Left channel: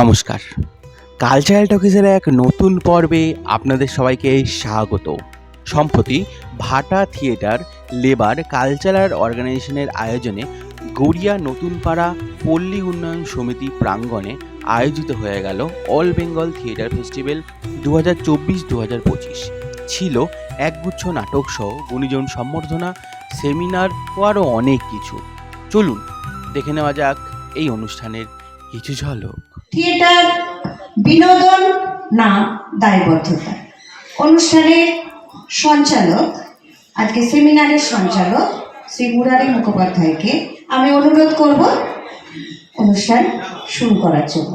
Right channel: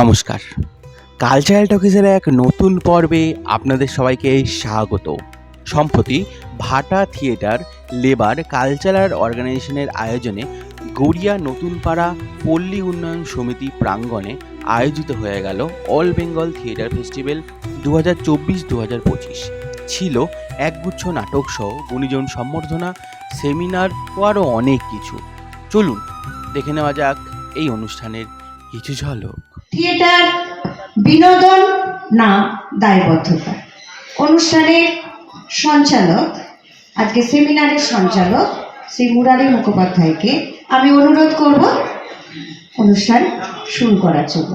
নমস্কার। কালচারাল টকিজের এক নতুন পর্বে আপনাদের সবাইকে স্বাগত। সম্প্রতি ভাটা থিয়েটার লেবার কালচারাল অর্গানাইজেশনের আয়োজনে গড়িয়া নতুনপাড়া পল্লী উন্নয়ন সমিতি প্রাঙ্গণে আয়োজিত হয়ে গেল অল বেঙ্গল থিয়েটার ফেস্টিভ্যাল 2024-2025। ছিল একগুচ্ছ নাটক সহ গুণীজন সম্বর্ধনা, সেমিনার ও আরও অনেক কিছু। চলুন দেখে নেওয়া যাক এই অনুষ্ঠানের কিছু ঝলক। থিয়েটার বিনোদন না দায়বদ্ধতা অনুষ্ঠানের সঞ্চালক, আজকে সেমিনারের সঞ্চালক শ্রী মুরারি মুখোপাধ্যায়কে আমি অনুরোধ করব অনুষ্ঠান শুরু করার জন্য।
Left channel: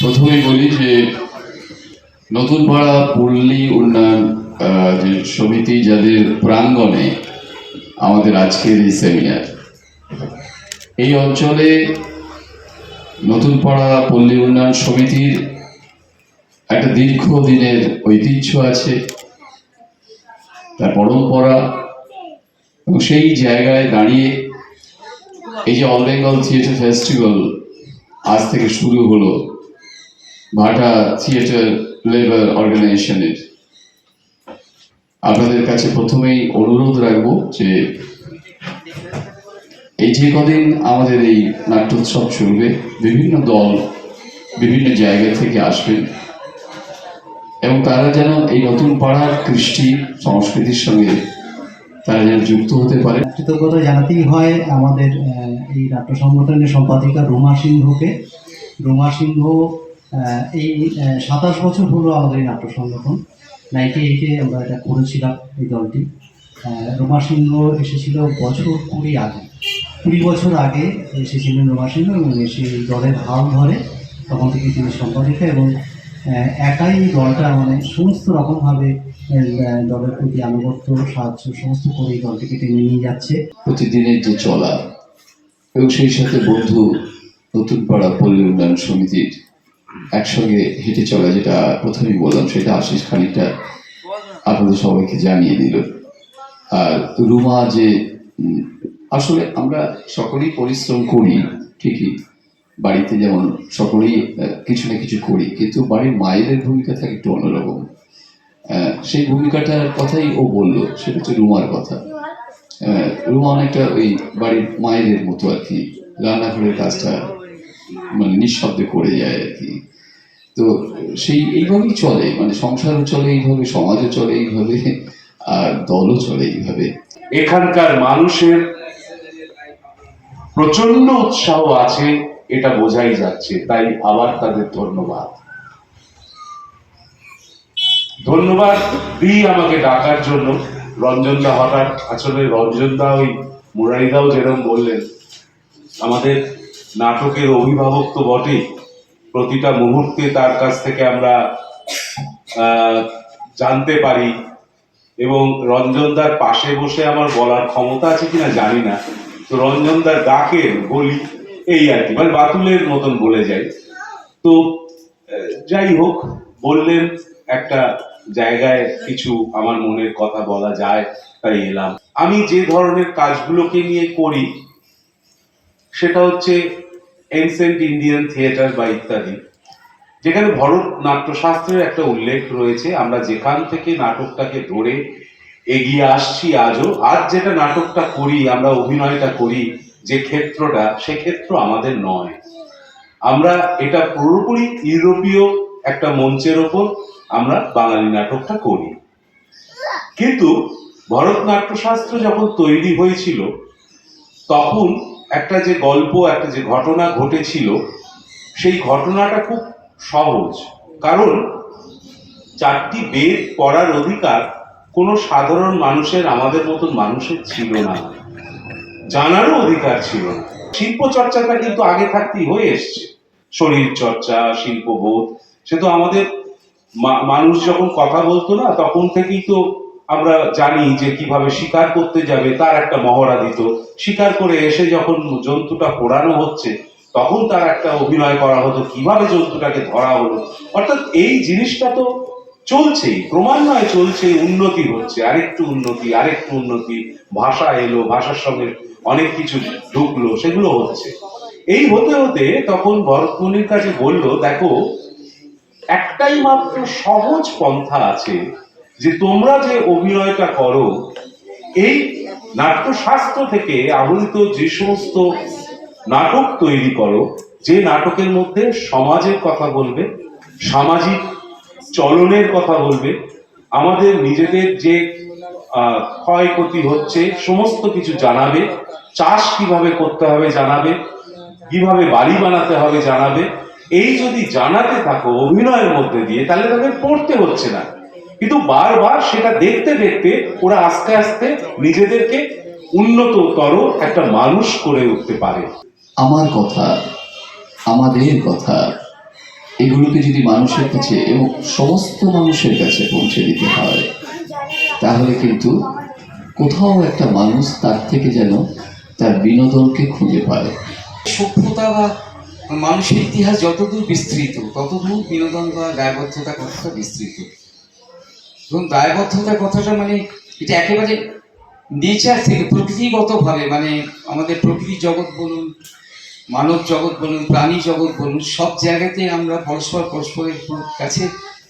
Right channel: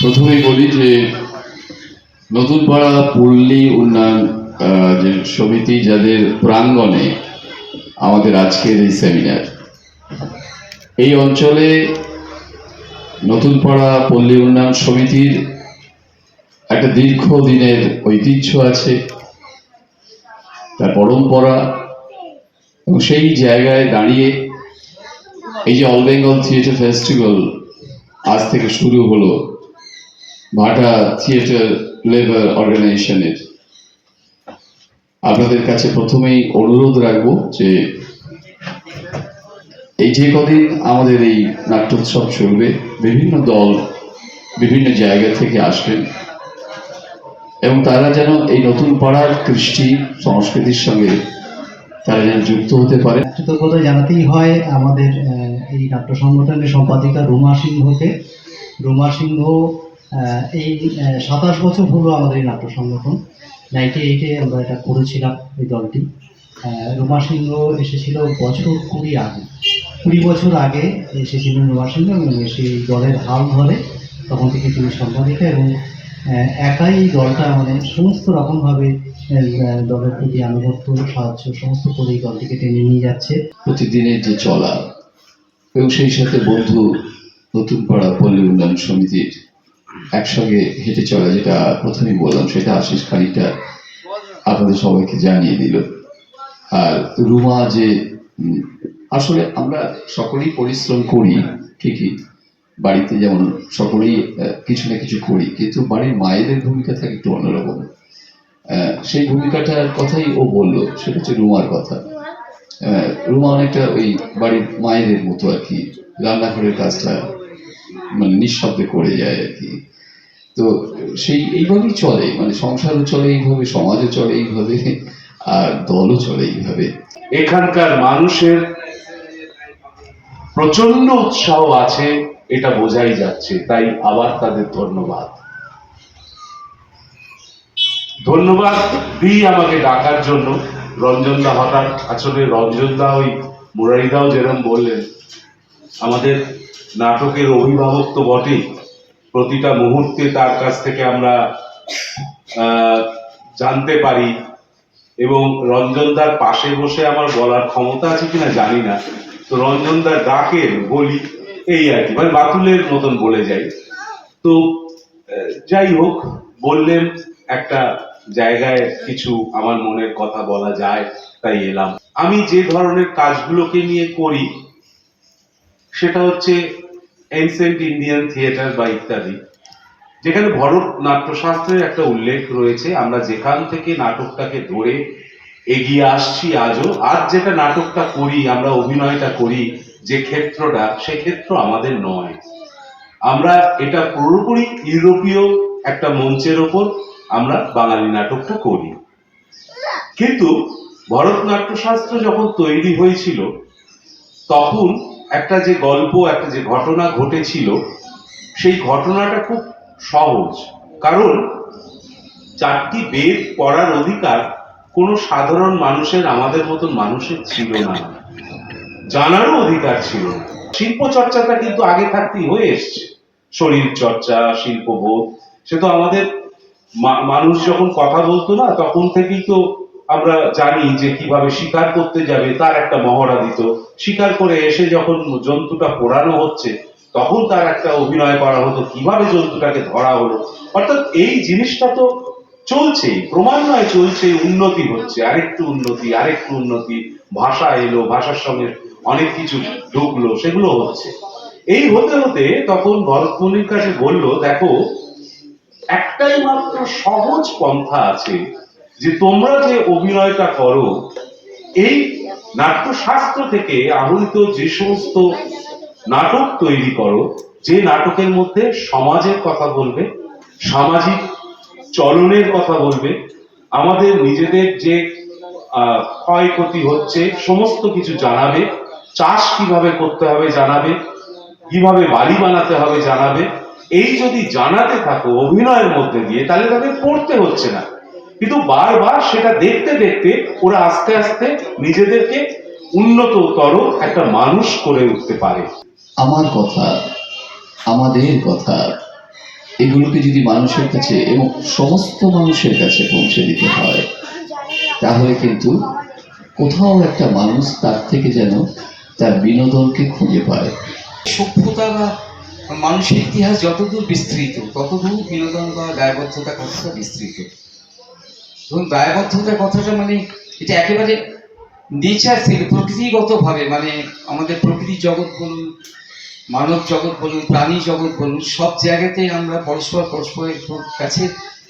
প্রথমেই বলি যে নতুনপাড়া পল্লী উন্নয়ন যে সমিতি, যাদের প্রাঙ্গণে আমাদের আজকের এই সেমিনার, এই অঞ্চলে নতুনপাড়া পল্লী উন্নয়ন সমিতির একটা দীর্ঘদিনের ঐতিহ্য আছে, তার পরম্পরা, এবং সেই জায়গায় দাঁড়িয়ে এই যে অল বেঙ্গল থিয়েটার ফেস্টিভ্যাল আজ থেকে শুরু হলো ভাটা থিয়েটার লেবার অর্গানাইজেশনের, আপনাদের কাছে প্রথমেই অনুরোধ রাখবো যে এই যে কদিন আমাদের এই নাট্যোৎসব চলবে, বিভিন্ন দল বিভিন্ন জায়গা থেকে আসবেন এবং তারা যেন এই নতুন পাড়ার কৃষ্টি সংস্কৃতির সঙ্গে তারা যেন যুক্ত হতে পারে। কৃতজ্ঞতা জানাতেই হয় আমাদের এই নাট্য সংগঠনের সম্পাদিকা রুমা সিংহকে। রুমা সিংহ এই 27 বছর হলো আমাদের এই নাট্য সংগঠন। 98-এ আমরা এটা করেছিলাম এই দলটি। রুমা সিংহ এসেছিল বছর 20 বছর আগে এসেছিলেন রুমা সিংহ, এবং এসে এই দলের হাল ধরে তখন থেকে তিনি সম্পাদিকা, এবং একাই দলটা সমস্ত রকমভাবে দলের প্রতি আনুগত্য, সাহায্য সমস্ত করে এই দলটিকে টেনে নিয়ে যাচ্ছে। প্রতিদিনের যে চলা এবং সেই সাথে বন্ধু নতুনপাড়া পল্লী উন্নয়ন সমিতির একসঙ্গে হেঁটে চলা, যেটা প্রথমেই বললাম, সেটা আশিস খানিকটা আপনাদের সবাইকে জানিয়ে দিল। আর রুমা যে আসলে আমরা সকলেই পরিশ্রম করি ঠিকই, বাড়িতে যেমন সকলেই কিছু না কিছু করি, কিন্তু বাড়ির মায়েদের ভূমিকা থাকে একটু অন্যরকম। সেই ভূমিকাটার কথাই ও বললো, সেটা হচ্ছে রুমার কথা। রুমা অনেকটা ওই বাড়ির মায়েদের মতো আর কি, রান্নাঘরের কাজটা নিঃশব্দে করে যায় আর কি। তো সেই এইভাবেই চলে, সংসারও চলে এইভাবে, সমাজও চলে এইভাবে, আর দলও চলে এইভাবে। এখানকার মানুষের প্রচন্ড উৎসাহ আছে, এটা বোঝাই যাচ্ছে। তাই আবার তাদের ধন্যবাদ দিই আমাকে ডাকার জন্য। রঞ্জনদা হঠাৎ, আসলে রঞ্জনদা ওই মুরারিদাও যেরকম বললেন, আমাদের নাটকের অভিভাবক তো বটেই। প্রতিটা মুহূর্তে তার কাছ থেকে আমরা জানতে পারি, এবং রঞ্জনদার পাশে বসে আমার বলার ক্ষমতা আছে কিনা জানি না, তো রঞ্জনদার ডাকের বলি এই আর কি, বাতুলের মতন বলে যাই। তো যাই হোক, বললেন একটা জায়গায় কিছু আমার মনের কথা বলা যায়, তাই এলাম। আমি যে ধরনের কাজগুলোকে নিয়ে করি সেটা হচ্ছে এনসেন্ট ইন্ডিয়ান থিয়েটার বা ইত্যাদি, যেখানে ভরত নাট্যশাস্ত্রের একটা উল্লেখ রয়েছে। আমরা যেখান থেকে নাটকটাকে ধরে এগিয়ে আসছি আজও, আজ যেটা নাটকটা করি, আমরা অভিনয়টা করি, যে ক্ষেত্রটা, সে ক্ষেত্র আমাদের নয়। আমরা এটা পুরোপুরি ইউরোপীয় একটা মঞ্চের ওপর আমরা বাঙালি নাটকটা করি। কিন্তু ভরতনাট্যশাস্ত্র যখন তৈরি হয়েছিল, তখন একটা যে গল্প, একটা যে ঘটনা ঘটেছিল, সেই ঘটনাটা খুব সহজ। কারণ 4টি বেদ পড়ার অধিকার কোনো সাধারণ মানুষের, আমাদের মতন মানুষের ছিল না, জানারও অধিকার ছিল না। শিল্প চর্চাটা কিন্তু আগে থাকতেই হয়ে এসছে, শরীর চর্চা, শিল্পবোধ, সে তো আমাদের মানুষ যখন কথা বলতো না, তখন থেকেই তো আমরা জানি যে কিভাবে শিকার করতে যাবে তার একটা মহড়া দিত, শিকার করে এসে যখন জন্তুটা পোড়ানো হচ্ছে তখন তার একটা অভিনয় করা হতো, কিভাবে জন্তুটাকে ধরা হলো। অর্থাৎ এই জিনিসটা তো চলছেই, ক্রমান্বয়ে চলছে, উন্নতি হচ্ছে, আরেকটু উন্নতি, ভাষা এলো, ভাষার সঙ্গে অনেক কিছু ঢুকলো, সেগুলো হচ্ছে। এই হতে হতে তখন ভরতমুনির কাছে বলল, দেখো একটাই মাত্র সহজ পন্থা আছে, যে তোমরা যে অভিনয়টা করো, এই নাট্যশাস্ত্র থেকে আহরিত যে সমস্ত নাটক তৈরি করো, যে নাটকের মধ্যে সমাজের কথা বলবে, সামাজিক চলনের কথা বলবে, আমাদের নিজেদের যে ক্ষয়ক্ষতি হচ্ছে সমস্ত কিছু জানাবে, চাষ কিভাবে করতে হবে জানাবে, কিভাবে বাড়ি বানাতে হবে জানাবে, এই যদি জানাতে থাকো অভিনয়ের মধ্যে দিয়ে, তাহলে তাদের পড়তে হচ্ছে না। কিন্তু বারবার সেটা দেখতে দেখতে ওরা আস্তে আস্তে নিজেদেরকে উন্নততর একটা মানুষ করে উঠতে পারে। আমার কথা, আমাদের কথা, এগুলোকে যদি মানুষের কাছে এবং সমস্ত মানুষের কাছে পৌঁছে দিতে হয়, তাহলে কিন্তু কোথাও একটা মানুষ তার থেকে যেন তার বিনোদনকে খুঁজে পায়। সভ্যতা বা মানুষের ইতিহাস যতদূর বিস্তৃত, ততদূর বিনোদন বা দায়বদ্ধতা কথাটা বিস্তৃত। এবং দায়বদ্ধতার কথাটা মানে এটা একেবারে নেচার থেকে, প্রকৃতিগতভাবে, মানে আমাদের প্রকৃতি জগৎ বলুন, মানব জগৎ বলুন, প্রাণী জগৎ বলুন, সব জায়গাতে আমরা পরস্পরের কাছে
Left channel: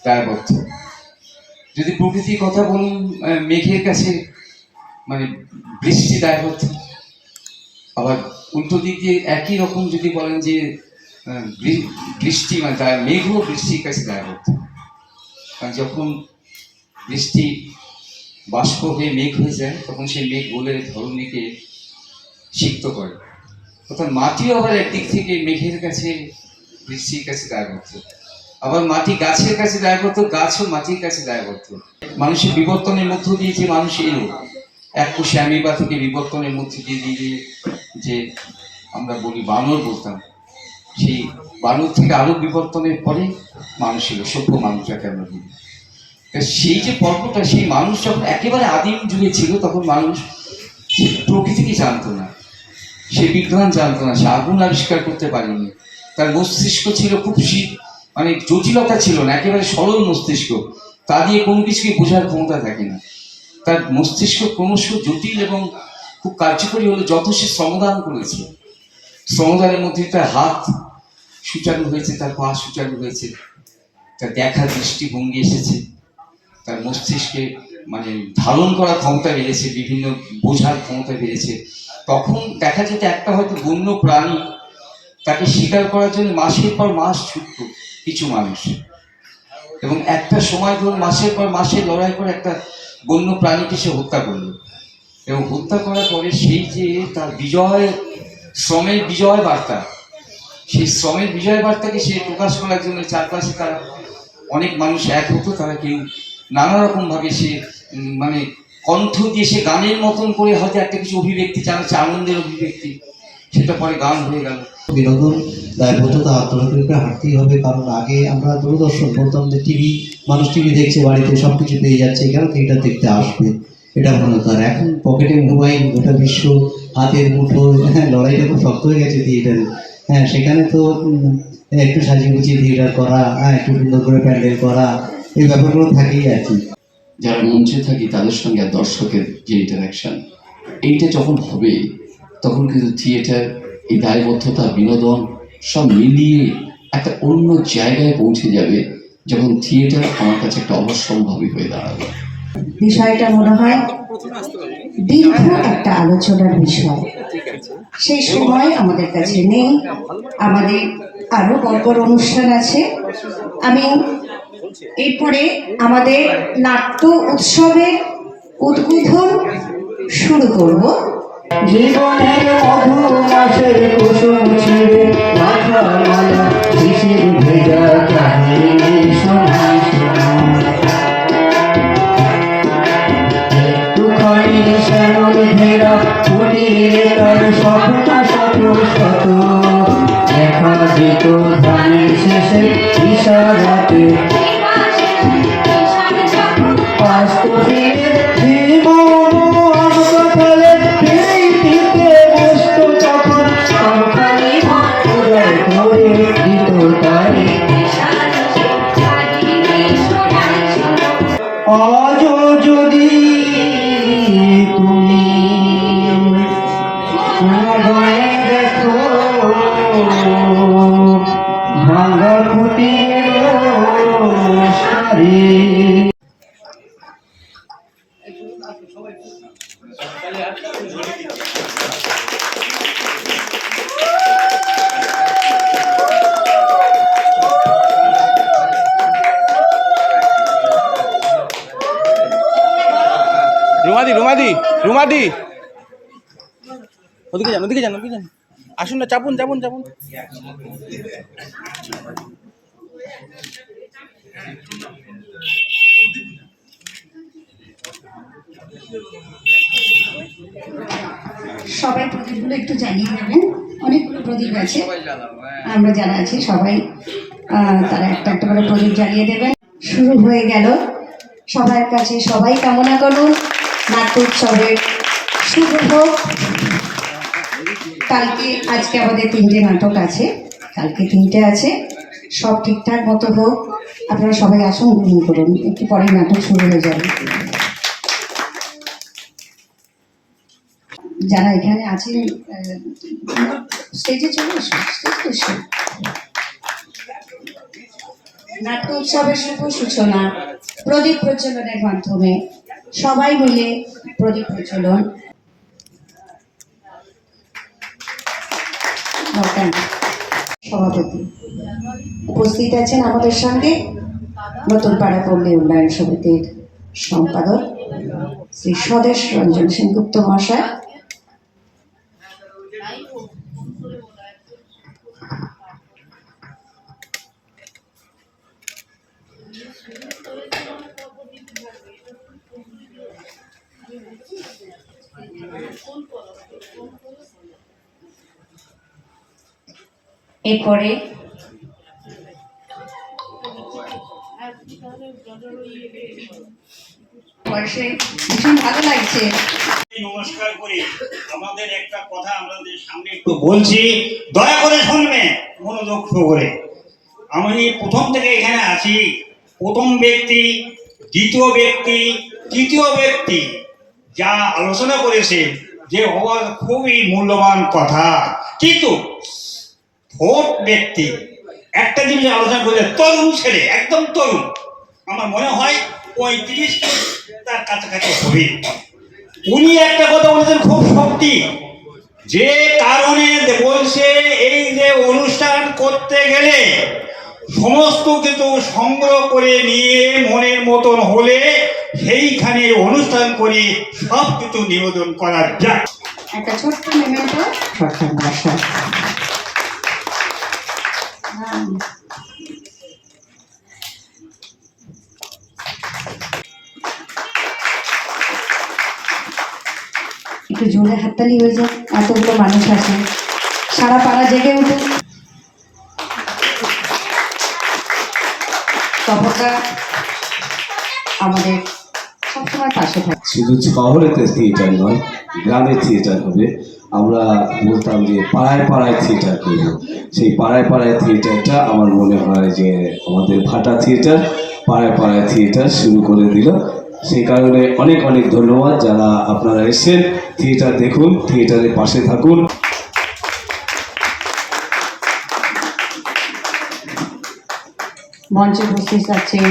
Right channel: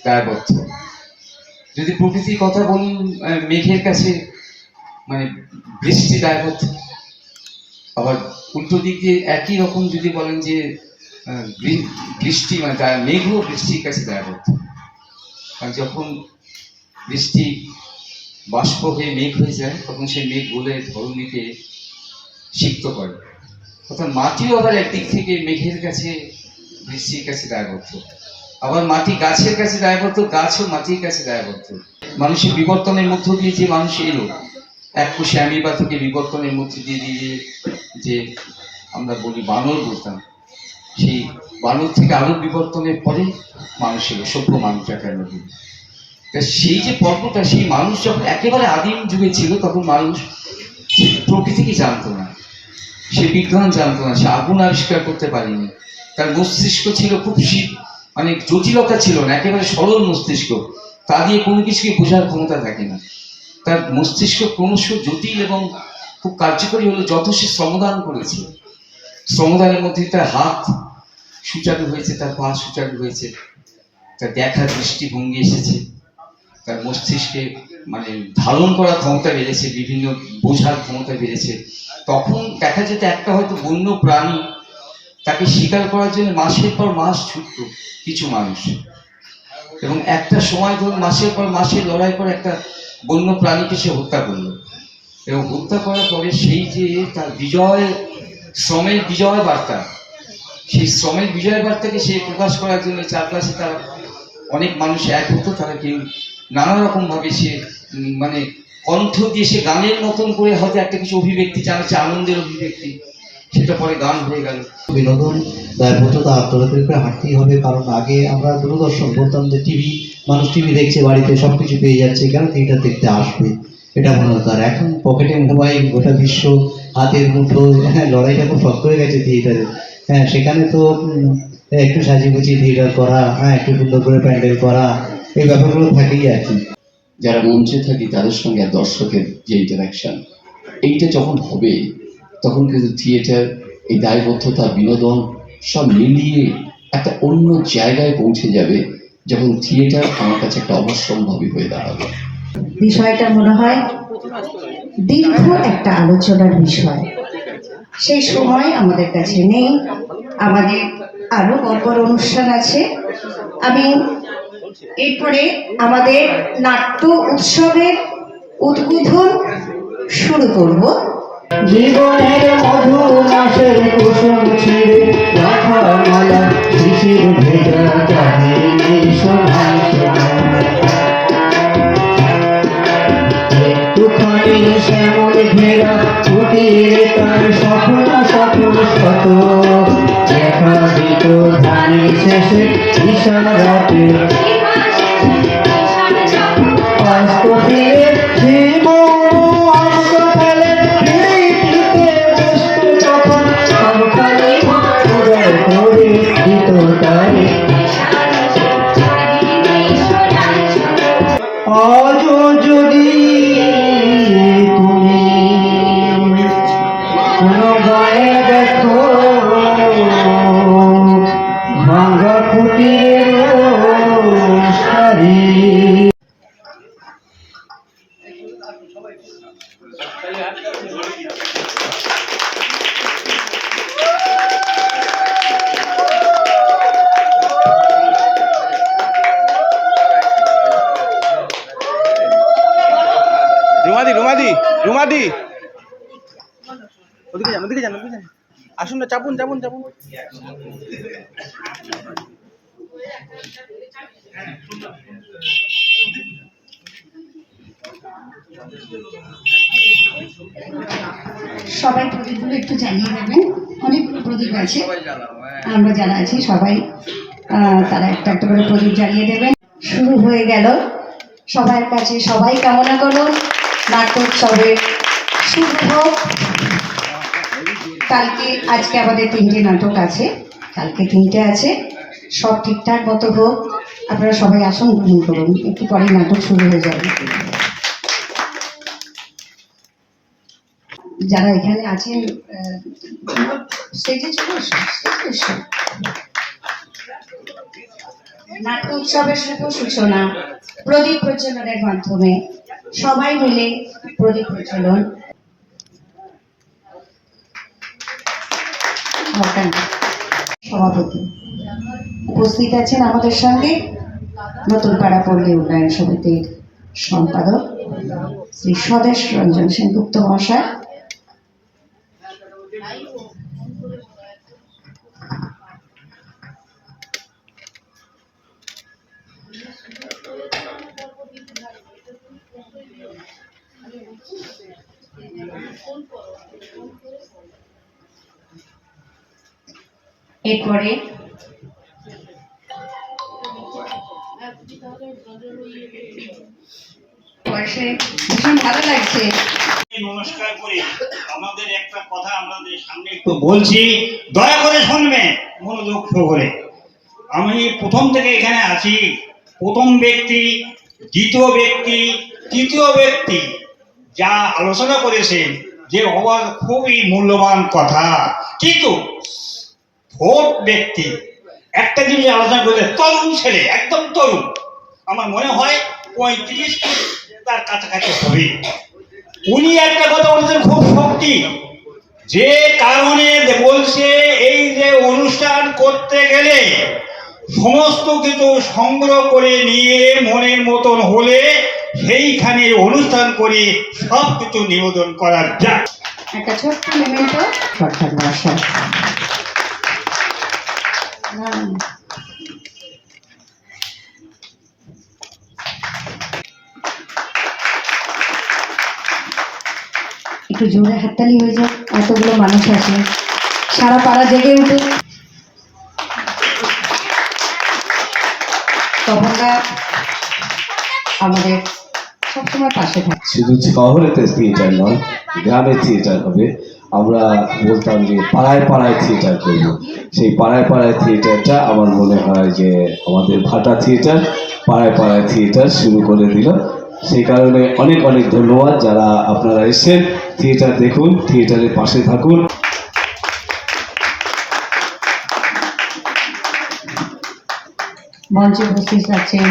দায়বদ্ধ। যদি প্রকৃতির কথা বলুন, মেঘের কাছে মানে বৃষ্টি দায়বদ্ধ। আবার উল্টো দিক দিয়ে একই রকম যদি বলেন যে বৃষ্টি মানে মেঘও বৃষ্টির কাছে দায়বদ্ধ। আর যখন বৃষ্টি বাষ্প হয়ে মেঘ হয়ে যায়, তখন সেই মেঘ বলে ধরণীকে সিক্ত করে। অর্থাৎ মাটিও আবার একদিক থেকে মেঘের কাছে, বৃষ্টির কাছে দায়বদ্ধ। আবার মাটি গাছের কাছে দায়বদ্ধ, গাছও মাটির কাছে দায়বদ্ধ। মানুষের বিবর্তনের মধ্য দিয়ে যে মানুষ এলো, এক কোষে অ্যামিবা থেকে বিবর্তনের মধ্য দিয়ে দিয়ে যে আমরা বলি বানর বলতাম, সেই বানর থেকে আরো বিবর্তনের পরে মানুষ এলো, সভ্য মানুষ যাকে আমরা বলি। তা সেই যে পর্বটা, সেই মানুষ যখন একেবারে আদিম যুগে ছিল, তখন মানুষ প্রকৃতিকে জানতো না, সে বিজ্ঞান জানতো না, সে আগুন আবিষ্কার করতে পারেনি। তার মস্তিষ্ক ছিল খুব মানে জটিলতা ছিল না, একেবারে সরল মস্তিষ্ক, তা দিয়ে কোনো কিছুকে বোঝার ক্ষমতা থাকে না। তার মস্তিষ্ক ক্রমশ জটিল এবং খুব কার্যকরী হলো যত সে শ্রমদান করেছে। শ্রমদানের মধ্যে তার হাত সুচারু হয়েছে, তার পা সুচারু হয়েছে, তার দেখার দৃষ্টিভঙ্গি এসেছে, তার মস্তিষ্কে মানে ধারণ করার ক্ষমতা বেড়েছে, বিভিন্ন বোঝার ক্ষমতা বেড়েছে। তখন দেখা যেত একটা হয়তো বন্য প্রাণী, তাকে শিকার করার জন্য মাসের পর মাস ছুটত কিছু মানুষ, এবং একটা সময় ধরে মাসের পর মাসে লড়াই করে একটা বন্য প্রাণীকে সে হত্যা করলো। এবং হত্যা করার পরে সেই যে তার শ্রমের বিজয় বার্তা, সেই শ্রমের বিজয় বার্তাকে সে প্রকাশ করার জন্য চারপাশে তার অনেক মানুষ এক হতো। তারা কেউ নানা রকম ভাবে সে মানে কণ্ঠ দিয়ে সে গানের মতন করে হয়তো একটা কিছু অভিব্যক্তি জানাচ্ছে, আনন্দের অভিব্যক্তি, সেটা পরে গান হয়ে গেল। বিনোদন দায়বদ্ধতা আত্মঘাতের উপরে হাঁটতেই হবে, কারণ আগে আমরা দূরদর্শন বলতাম যে টিভি, মানুষ টিভি দেখছে, বাড়িতে সব কিছু পেয়ে যাচ্ছে, এখানে থিয়েটার দেখতে আসবে, এটা মনে হতো। আর এখন পকেটে মোবাইল, গোটা বিশ্ব হাতের মুঠো, লড়াইটা খুব শক্ত হয়ে গেছে থিয়েটারে। হ্যাঁ, সেখানে তো একটু সাজিয়ে গুছিয়ে থিয়েটার করা, একটু সুন্দর করে প্যান্ডেল করা, এই ব্যাপারগুলো থাকেই আর কি। যারা মঞ্চে থাকি তাদের সঙ্গে আর দর্শকের যে ইন্টারাকশন, এইটা যখন হবে, তখন কিন্তু থিয়েটার, এই দায়বদ্ধতা, বিনোদন সব মিলিয়ে একটা অন্য জায়গায় পৌঁছে যাবে, যখন থিয়েটার আমার কাছে একটা অবশ্যম্ভাবী হয়ে দাঁড়াবে। বিষয়টা মনে হয় দীর্ঘ একটা আলোচনার বিষয়, সেই সময় আমাদের কাছে নেই। আমাদের আরো বড় অনুষ্ঠান আছে। আমি এরপরে আমাদের নাট্য উৎসবের উদ্বোধন শুরু করব। জীবনের মধু মাসের কুসুম ছিঁড়ে মাথা মালা শিশির ভেজা কাহিনী শোনাই একটুখানি শ্যামল ঘেরা কুটিরে তার স্বপ্ন শত শত দেখা দিত ধানের শেষে ইশারাতে আজ যদি তুমি রুমাদি রুমাদি রুমাদি ওদিকে যান ওদিকে যান ওদিকে যান, আসুন না, চাপুন চাপুন চাপুন। সবাই প্রদীপগুলো একটু জ্বালিয়ে দেবেন, অনেকগুলো প্রদীপ আছে, আমরা যারা আছি সবাই তারা একটা একটা করে প্রদীপ জ্বালিয়ে দেবেন। শুরু হয়ে গেল, সবার কাছে সবাই কামনা করুন নাট্য উৎসবের শুভ হোক। আজকে আমাদের 3টে নাটক আছে, কালকে 3টে আছে, সব ঠিকঠাক মতো হোক। আপনারা সবাই আসন গ্রহণ করুন, একটু পরে নাটক শুরু হয়ে যাবে। যারা এখানে আছেন স্টেজে চলে এসো, স্টেজে এসো। নাট্য উৎসবের শুভ সূচনা প্রদীপ প্রজ্বলনের মাধ্যমে, সবাই মিলে প্রদীপ প্রজ্বলন। সভাপতি উপস্থিত আছেন আমাদের সঙ্গে নতুন পাড়া পল্লী উন্নয়ন সমিতির সম্পাদক শ্রী স্বদেশ রঞ্জন সেনগুপ্ত মহাশয়। এরপরে ভীষণ ভালো লাগছে। নমস্কার করি, আমাদের একটা কথা আমাদের সামনে একটু বলছি, দয়া করে শুনবে মনোযোগ করে। আমি প্রথম থেকে এখানে আছি, প্রথম ব্যক্তি, দ্বিতীয় ব্যক্তি, তৃতীয় ব্যক্তি যা আলোচনা করেছে যে অবাক খুবই মূল্যবান কথা, কিন্তু ফোর্থ ব্যক্তি একটা জিনিস আলোচনা করে, তরুণ ছেলে, একদম তরুণ, আমার মনে হয় 35 তার কাছাকাছি হবে। উনি একটা কথা বলছেন খুব শক্তি, যে কারণে বলছে এই যে অনুষ্ঠান করতে গেলে সমস্ত কিছু সংগ্রহ করে নিয়ে মনের মতন হলে সেইখানে অনুষ্ঠান করে সব কিছু নিবেদন করা যায়। একটা ছোট্ট মেমেন্টো, সরকার মহাশয়। একটু জোরে হাততালি হয়ে যাক, এতগুলো মানুষ আছে, সারা পাড়া জেগে উঠুক। তবকা আমাদের সবসময় পাশে থাকে। শুধু শহরেতে থিয়েটার নয়, গ্রামে থিয়েটার হবে। আমরা বলতাম যে পাড়ায় পাড়ায় থিয়েটার করব, সেই পাড়ায় পাড়ায় থিয়েটারটা আমার মনে হয় যে আমাদের ভাটা থিয়েটার পাড়ায় পাড়ায় থিয়েটার শুরু করে দিল। সেই কারণে অনেক অনেক ধন্যবাদ যারা আপনারা এসেছেন। থিয়েটার দেখুন, থিয়েটারের পাশে থাকুন। মঞ্চে উপস্থিত আছেন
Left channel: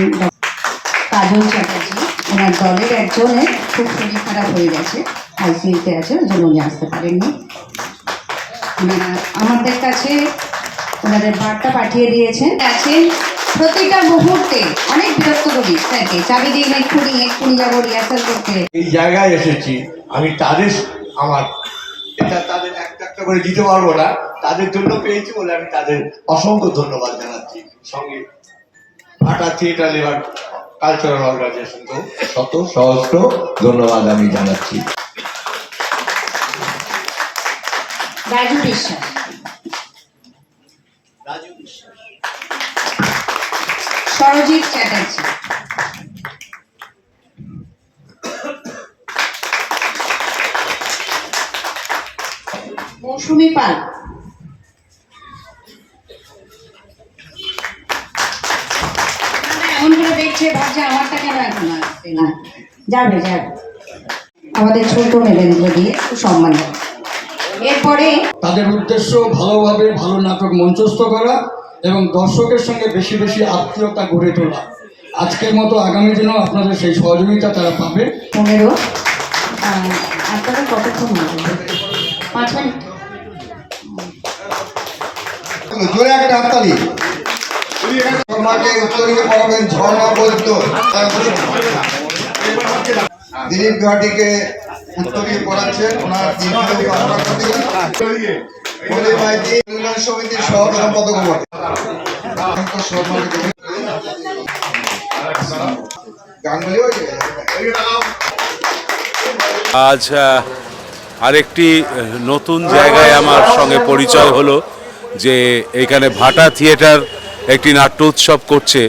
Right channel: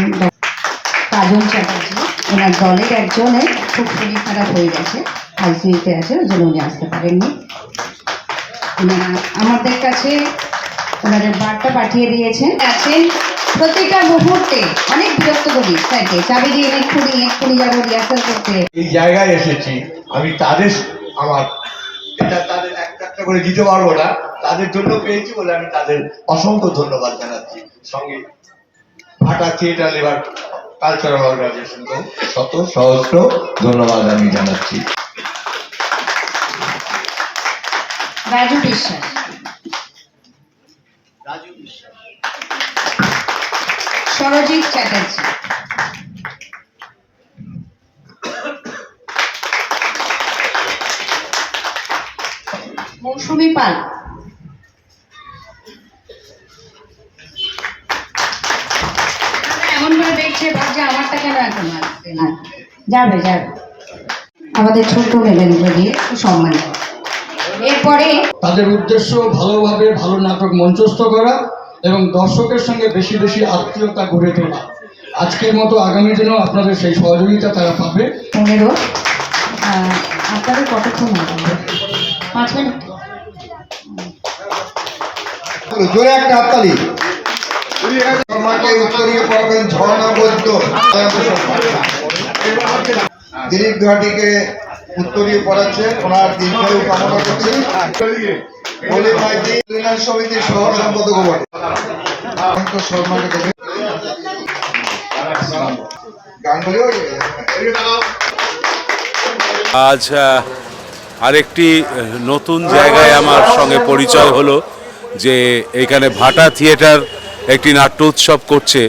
কাজল চ্যাটার্জি, ওনার দলের একজনের খুব শরীর খারাপ হয়ে গেছে, আইসিইউতে আছে, ওই জন্য উনি আসতে পারেননি। আমাদের কাছে ওনাদের বার্তা পাঠিয়ে দিয়েছেন, আছেন প্রতিটা মুহূর্তে অনেক বিরক্ত করি স্যারকে, চাবি দিয়ে এক্ষুনি যাবো রিহার্সাল করতে। এই জায়গায় এসেছি আমি, তাদের আমার এটা তাদের একটা একটা করে দিতে পারবো না, তাদের জন্য পেয়েছি বলে আমি তাদের অসংখ্য ধন্যবাদ জানাচ্ছি। সঙ্গে ভাটা থিয়েটার লেবার কালচারাল অর্গানাইজেশনকেও শত সহস্র ধন্যবাদ আমি জানাচ্ছি। রাজু বিশ্বাস, সরজিৎ চ্যাটার্জি, মৌসুমী পাল, এমন করে দেখছে, ভাবছে আমারটা কেন এখন আসছে না, যাবে যাবে, আমাদের ছোট মেয়েগুলো দিয়ে সম্মান। এরপরে তাদের উদ্দেশ্য ভালোভাবে ভালো নাটক মঞ্চস্থ করা এবং দর্শকের সঙ্গে বেশি বেশি আত্মীয়তা গড়ে তোলা। আজকের মতো আগামী দিনেও আপনাদের সেই সহযোগিতা তারা পাবে। 15 আপনারা কতক্ষণ লাগবে? 5 মিনিট। জোরে একটা হাততালি। তোমাকে উত্তরীয় পড়াবেন ঝর্ণা বৈদ্য। দিলীপ ঘাটিকে উত্তরীয় পড়াচ্ছেন ওনার দীর্ঘায়ু কামনা করছি। বলে ভাইজি কল্যাণ সমিতির সহ সম্পাদক গাঙ্গুলিও আজ আরেকটি নতুন জায়গায় আমার সঙ্গে পরিচয় হলো যে এখানে ভাটা থিয়েটার একটি নাট্য উৎসব করছে,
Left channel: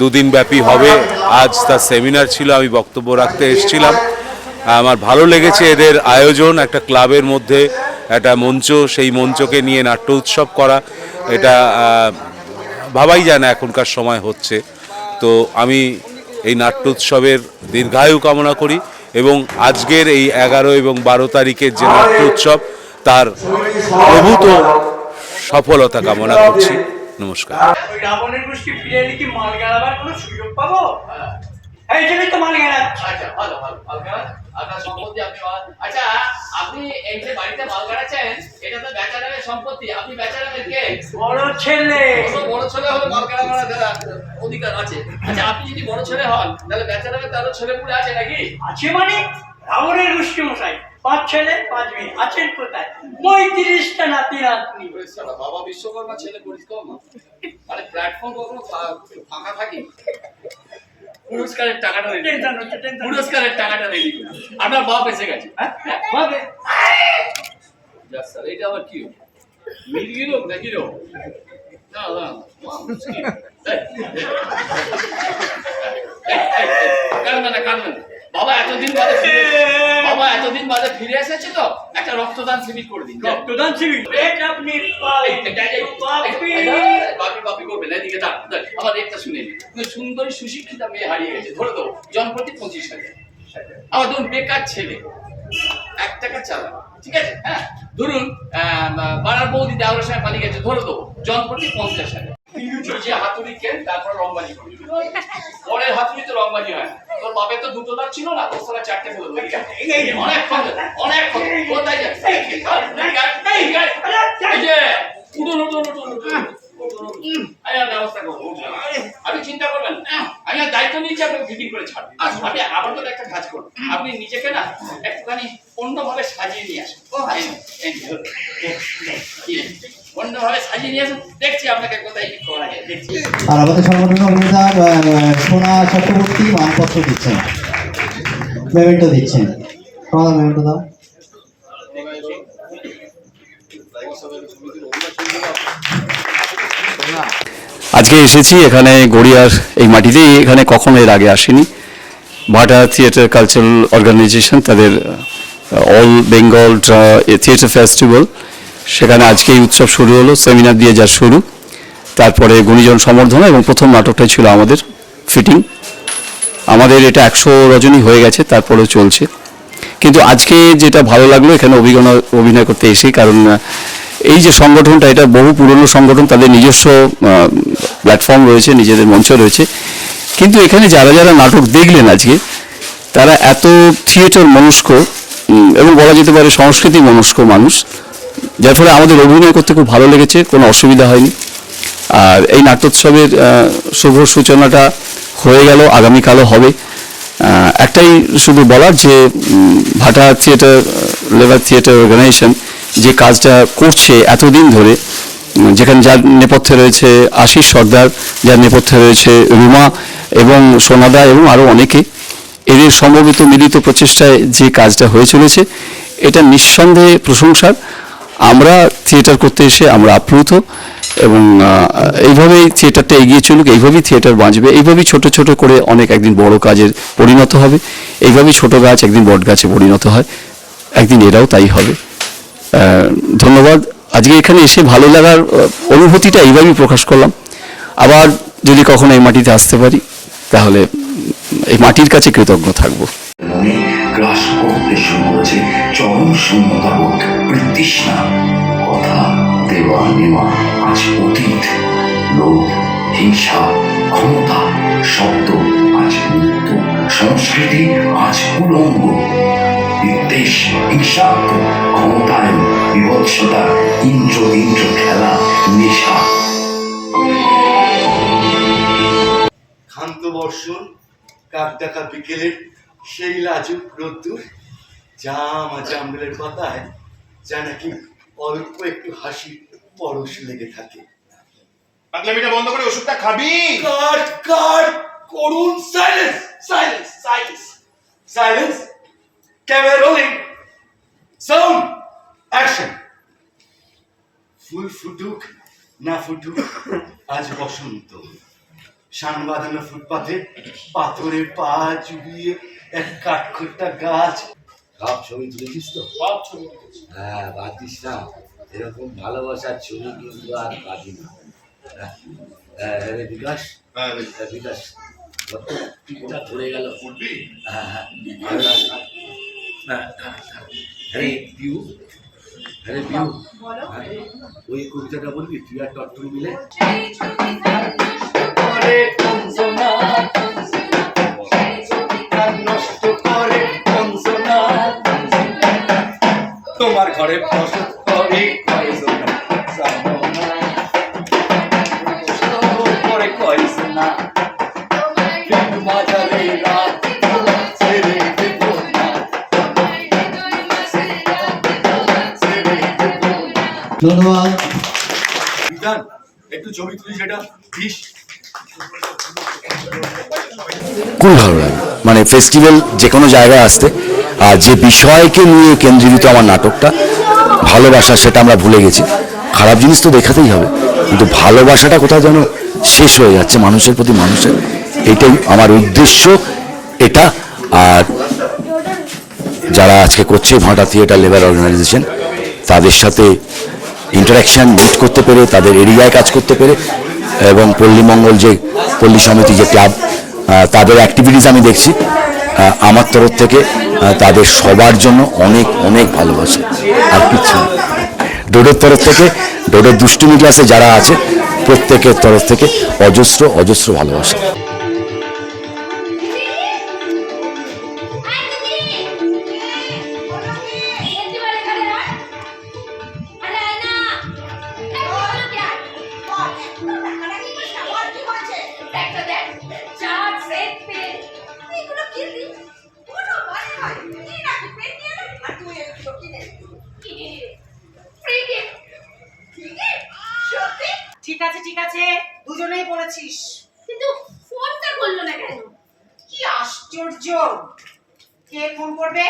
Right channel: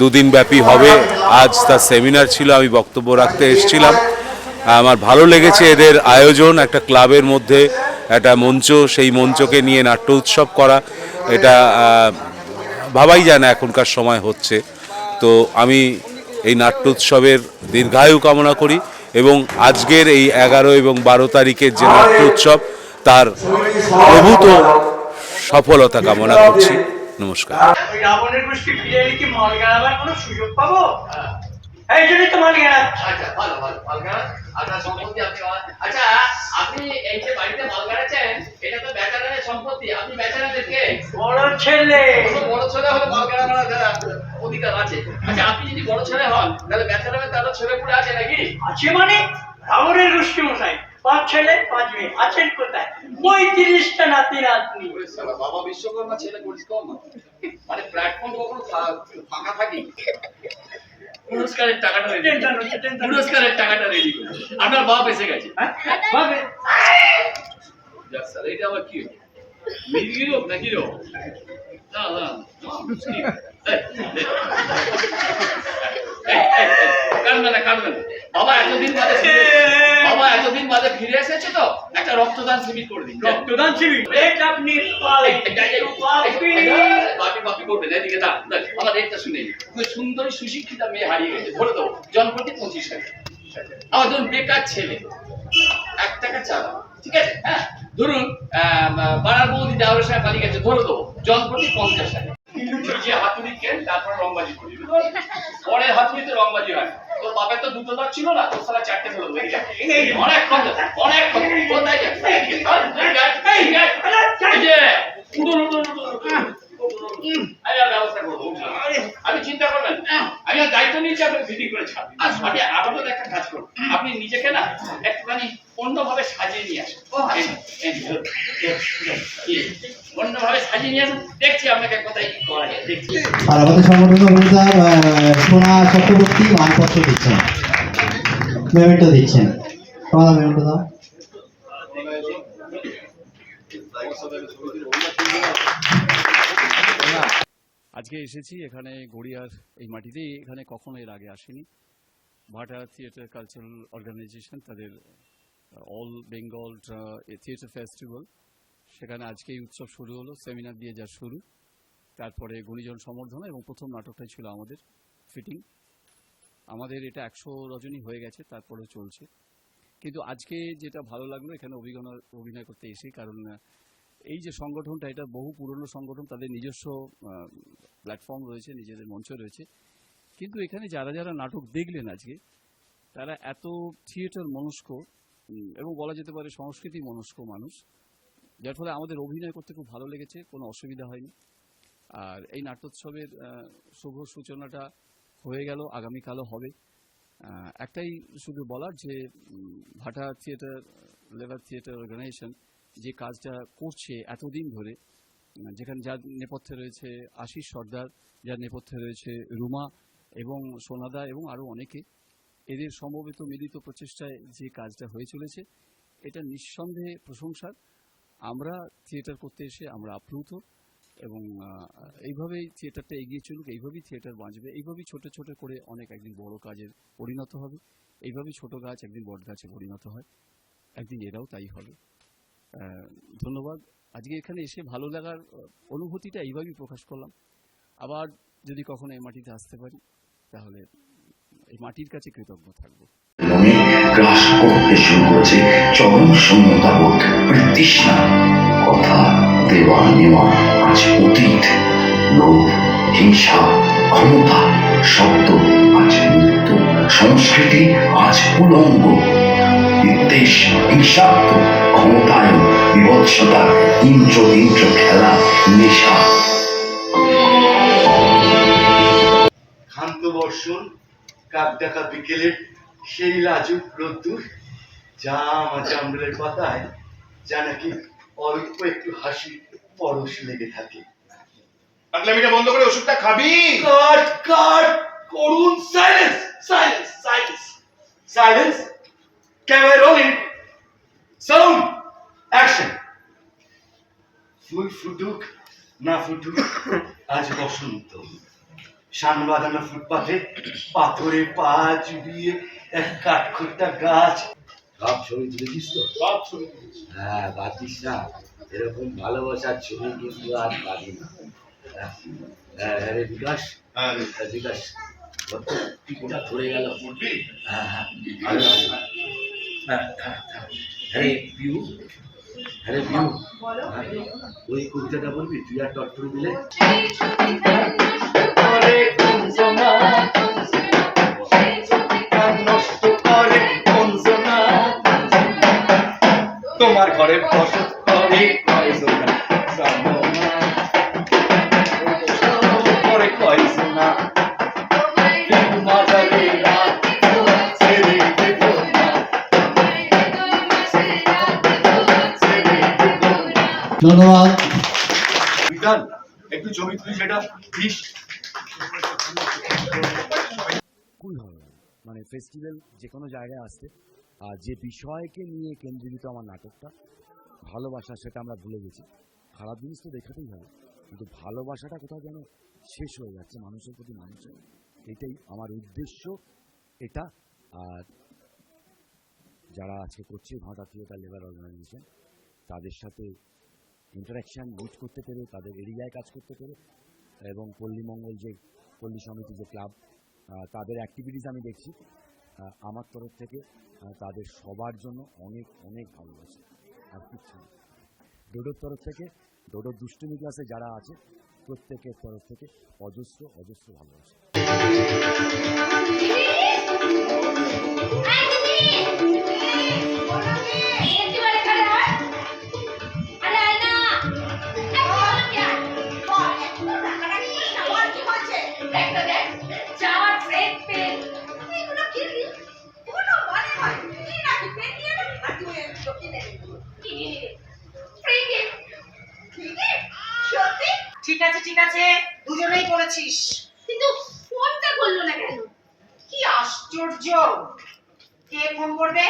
2 দিন ব্যাপী হবে। আজ তার সেমিনার ছিল, আমি বক্তব্য রাখতে এসেছিলাম। আমার ভালো লেগেছে এদের আয়োজন, একটা ক্লাবের মধ্যে একটা মঞ্চ, সেই মঞ্চকে নিয়ে নাট্য উৎসব করা, এটা ভাবাই যায় না এখনকার সময় হচ্ছে। তো আমি এই নাট্য উৎসবের দীর্ঘায়ু কামনা করি এবং আজকের এই 11 এবং 12 তারিখের যে নাট্য উৎসব তার প্রভূত সফলতা কামনা করছি। নমস্কার। রাবণের গোষ্ঠী ফিরে এলে কি মাল গেলাবার কোনো সুযোগ পাবো? এই জন্যই তো মাল গেলা। আচ্ছা, ভালো মাল গাড়া আপনার সম্পত্তি আপনি আচ্ছা, আপনি এই যে বাড়িতে মাল গাড়াচ্ছেন এটা তো বেচারামের সম্পত্তি, আপনি বেচারামের কে? বড় ছেলে। বড় ছেলে হলে মাল গাড়ানোর অধিকার আছে। আচ্ছা, আপনি যদি বড় ছেলে হন তাহলে বেচারামের তারও ছেলে পুলে আছে নাকি? আছে মানে রাবণের গোষ্ঠী মশাই 5 ছেলে 5 মেয়ে আছেন কোথায়? 35টা নাতি নাতনি। বাবা বিশ্বকর্মা ছেলে করিস কম মানে প্ল্যাটফর্ম কখনো ফাঁকা থাকি? পুরস্কারের টাকাটা রেডি, পুরস্কারের টাকাটা রেডি করুন। আপনার বাপ এসে গেছে। বাবে স্যার এটা আবার কি মির্গি রোগ নাকি রোগ? না না কাঁদবে না, কাঁদবে না। বাবা এতদিন বাদে ফিরে এসেছে তো একটা রক্তদান শিবির করে দিন। রক্তদান শিবির? এটা আপনি বাপি করবেন। এদিকে দাঁড়, আমার একটা শুনে সুন্দরী সুশিক্ষিতা মেয়ে হারিয়ে গেছে, ধরে দেবো জনপ্রতি 25,000। আমার ধরুন বেকার ছেলে 1 টাকা চাঁদা, ঠিক আছে? হ্যাঁ, ধরুন পাড়ার বৌদি দেওয়ার সময় পালিয়ে গেছে, ধরে দেবো জনপ্রতি 50,000। যে হাতুড়ি কেন তারপর রংবাজি করবি, পরের হাতুড়ি তো রংবাজি হয়। তোর বাপের তো 2টো দাঁত ছিল না, তোর সালা 4টে ফেলে দেবো। অনেক কোথায় ব্যবস্থা করবো, আপনি চিন্তা করবেন। আমি দায়িত্ব নিয়েছি, আপনাকে ফিটিং করে ছাড়বেন। আপনি আপাতত একটা কাজ করুন, আপনি নিজেকে না একটুখানি অন্যভাবে সাজিয়ে নিয়ে আসুন। অন্যভাবে সাজিয়ে নিয়ে আসুন, দেখছি আপনাকে কোথায় কি করা যায়, দেখছি। আর আমাদের সংগঠনের অভিনেতা সোনা চক্রবর্তী মানপত্র দিচ্ছেন, মেমেন্টো দিচ্ছেন। তোমার মেমেন্টো দাও। আজকে এসেছি এখানে গড়িয়ার এই মাটিতেই, এখানে কখনো এর আগে আসিনি। ভাটা থিয়েটার কালচারাল অর্গানাইজেশন তাদের অল বেঙ্গল থিয়েটার ফেস্টিভ্যাল, সেখানে আজকে এই উৎসব শুরু হলো, সেমিনার দিয়ে যা শুরু, তারপরে গুণীজন সম্বর্ধনা এবং প্রথম নাটকটাই ছিল আমাদের ফিটিং। আমাদের এটা 100 রজনী হয়ে গেছে, তারপরেও চলছে। কিন্তু আজকে যেটা ভালো লাগলো এখানে অভিনয় করতে এসে, কারণ এই যে সংগঠনটা এটা বহু পুরনো সংগঠন, তাদের নিজস্ব প্ল্যাটফর্ম রয়েছে, নিজেদের মঞ্চ রয়েছে। কিন্তু এখানে যারা যারা নাটক দেখলেন আজকে, তারা এত থিয়েটার মনস্ক এবং বলা যেতে পারে সংস্কৃতি মনস্ক মানুষ, যার ফলে আমাদের অভিনয় করতে খুব ভালো লেগেছে, কোনো অসুবিধা হয়নি। আর এই নাট্যোৎসবের শুভ সূচনাটা হয়ে গেল, আগামীকালও হবে। একটাই শুধু বলার যে ভাটা থিয়েটার লেবার থিয়েটার অর্গানাইজেশন যে কাজটা করছে এতদিন ধরে, যেখানে যার নেপথ্যে রয়েছে আশিস সর্দার, যার নেপথ্যে রয়েছে রুমা এবং সোনাদা এবং আরও অনেকে, এদের সমবেত মিলিত প্রচেষ্টায় যে কাজটা হয়ে চলেছে এটা নিঃসন্দেহে প্রশংসার। আমরা থিয়েটার করতে এসে আমরা আপ্লুত এবং এইভাবেই থিয়েটারটা এগিয়ে চলুক, এইভাবেই থিয়েটার বাঁচবে, এইভাবেই ছোট ছোট করে অনেক একদিন বড় কাজের পরিণত হবে, এইভাবেই ছোট গাছ একদিন বট গাছে পরিণত হয়, একদিন এরাও তাই হবে। ধন্যবাদ। আজকে এখানে এসে ভালো লাগার অনুভূতিটা এইভাবেই প্রকাশ করলাম। আবার যদি কখনো এই মাটিতে আসতে পারি তাহলে এই মাটির কাছে কৃতজ্ঞ থাকবো। মনে গ্রাস করতে শুরু করেছে চরম শূন্যতাবোধ, তৃষ্ণা। কথা দেওয়া নেওয়া আজ অতীত, লোভ, হিংসা, ক্ষমতা, শব্দ আজ মৃত্যু, সংস্কৃতি আজ উলঙ্গ। বিদ্বেষ, হিংসাত্মক, ক্ষমতায়ন, বিভৎসতা, ইন্দ্র খেলা, নেশা। ক্ষান্ত বর্ষণ, কাক দেখা বিকেলের সেই লাজুক রোদ্দুর, জাম আর জামরুলের পাতায় যা নাকি অল্প একটু হাসি পরশ লেগে থাকে। পাগলামিটা বন্ধ করে ওষুধটা খাবি। কাট কাট করুন, silence silence silence silence. Camera rolling, sound action. ফুল ফুটুক না ফুটুক, আজ বসন্ত। শান বাঁধানো ফুটপাথে পাথরে পা চুবিয়ে এক কাঠখোট্টা গাছ। সব ছবি তুলেছিস তো? সব ছবি তুলেছি। হ্যাঁ, বাতিস না, এরকম ভালোবাসার ছবি কিন্তু আর পাবি না। রে বিকাশ, বিকাশ টিকটা ধরে গেল। উঠবি? হ্যাঁ, হ্যাঁ পিউ, হ্যাঁ পিউ, ওই কবিতাটা বলবি তুই আর টট্টু মিলে? নষ্ট করে তোমার ঘরে বসত করে কয়জনা, করে কয়জনা, মাঝারে রাত ছেড়ে দেব না, ছেড়ে দেব না। ধন্যবাদ। বিধান, একটু ছবি তুলি সেটা প্লিজ। খুব ভালো লাগে, মানে ফেস্টিভ্যাল যে কোনো জায়গায় আসতে, আর যে বিষয়কে নিয়ে কেন্দ্রীভূত আমার নাটকটা ভালোবাসা, সেটা আমরা ভুলে গেছি। খারাপ জিনিস তো দেখাতেই হবে, কিন্তু ভালোবাসাটা কোথাও যেন শেষ হয়ে যাচ্ছে মানুষের প্রতি মানুষের। এটাই আমার উদ্দেশ্য এটা। আর যারা আজকে করছে ভাটা থিয়েটার লেবার অর্গানাইজেশন, তাদের সাথে ইন্টারাকশান মিট করতে পেরে, তাদের এরিয়ায় কাজ করতে পেরে, এবং পল্লীমঙ্গল যে পল্লী সমিতি যে ক্লাব, তাদের অ্যাক্টিভিটিস আমি দেখছি। আমার তরফ থেকে তাদের সবার জন্য অনেক অনেক ভালোবাসা, আর কিছু না। ডোডোর তরফ থেকে, ডোডোর দুষ্টুমি ক্লাসে যারা আছে প্রত্যেকের তরফ থেকে অজস্র অজস্র ভালোবাসা। ঠিক আছে ঠিক আছে, দুজনেই বলেছিস, কিন্তু ফোনটা করলো না কেন? কি আশ্চর্য! কে ফোন করবে,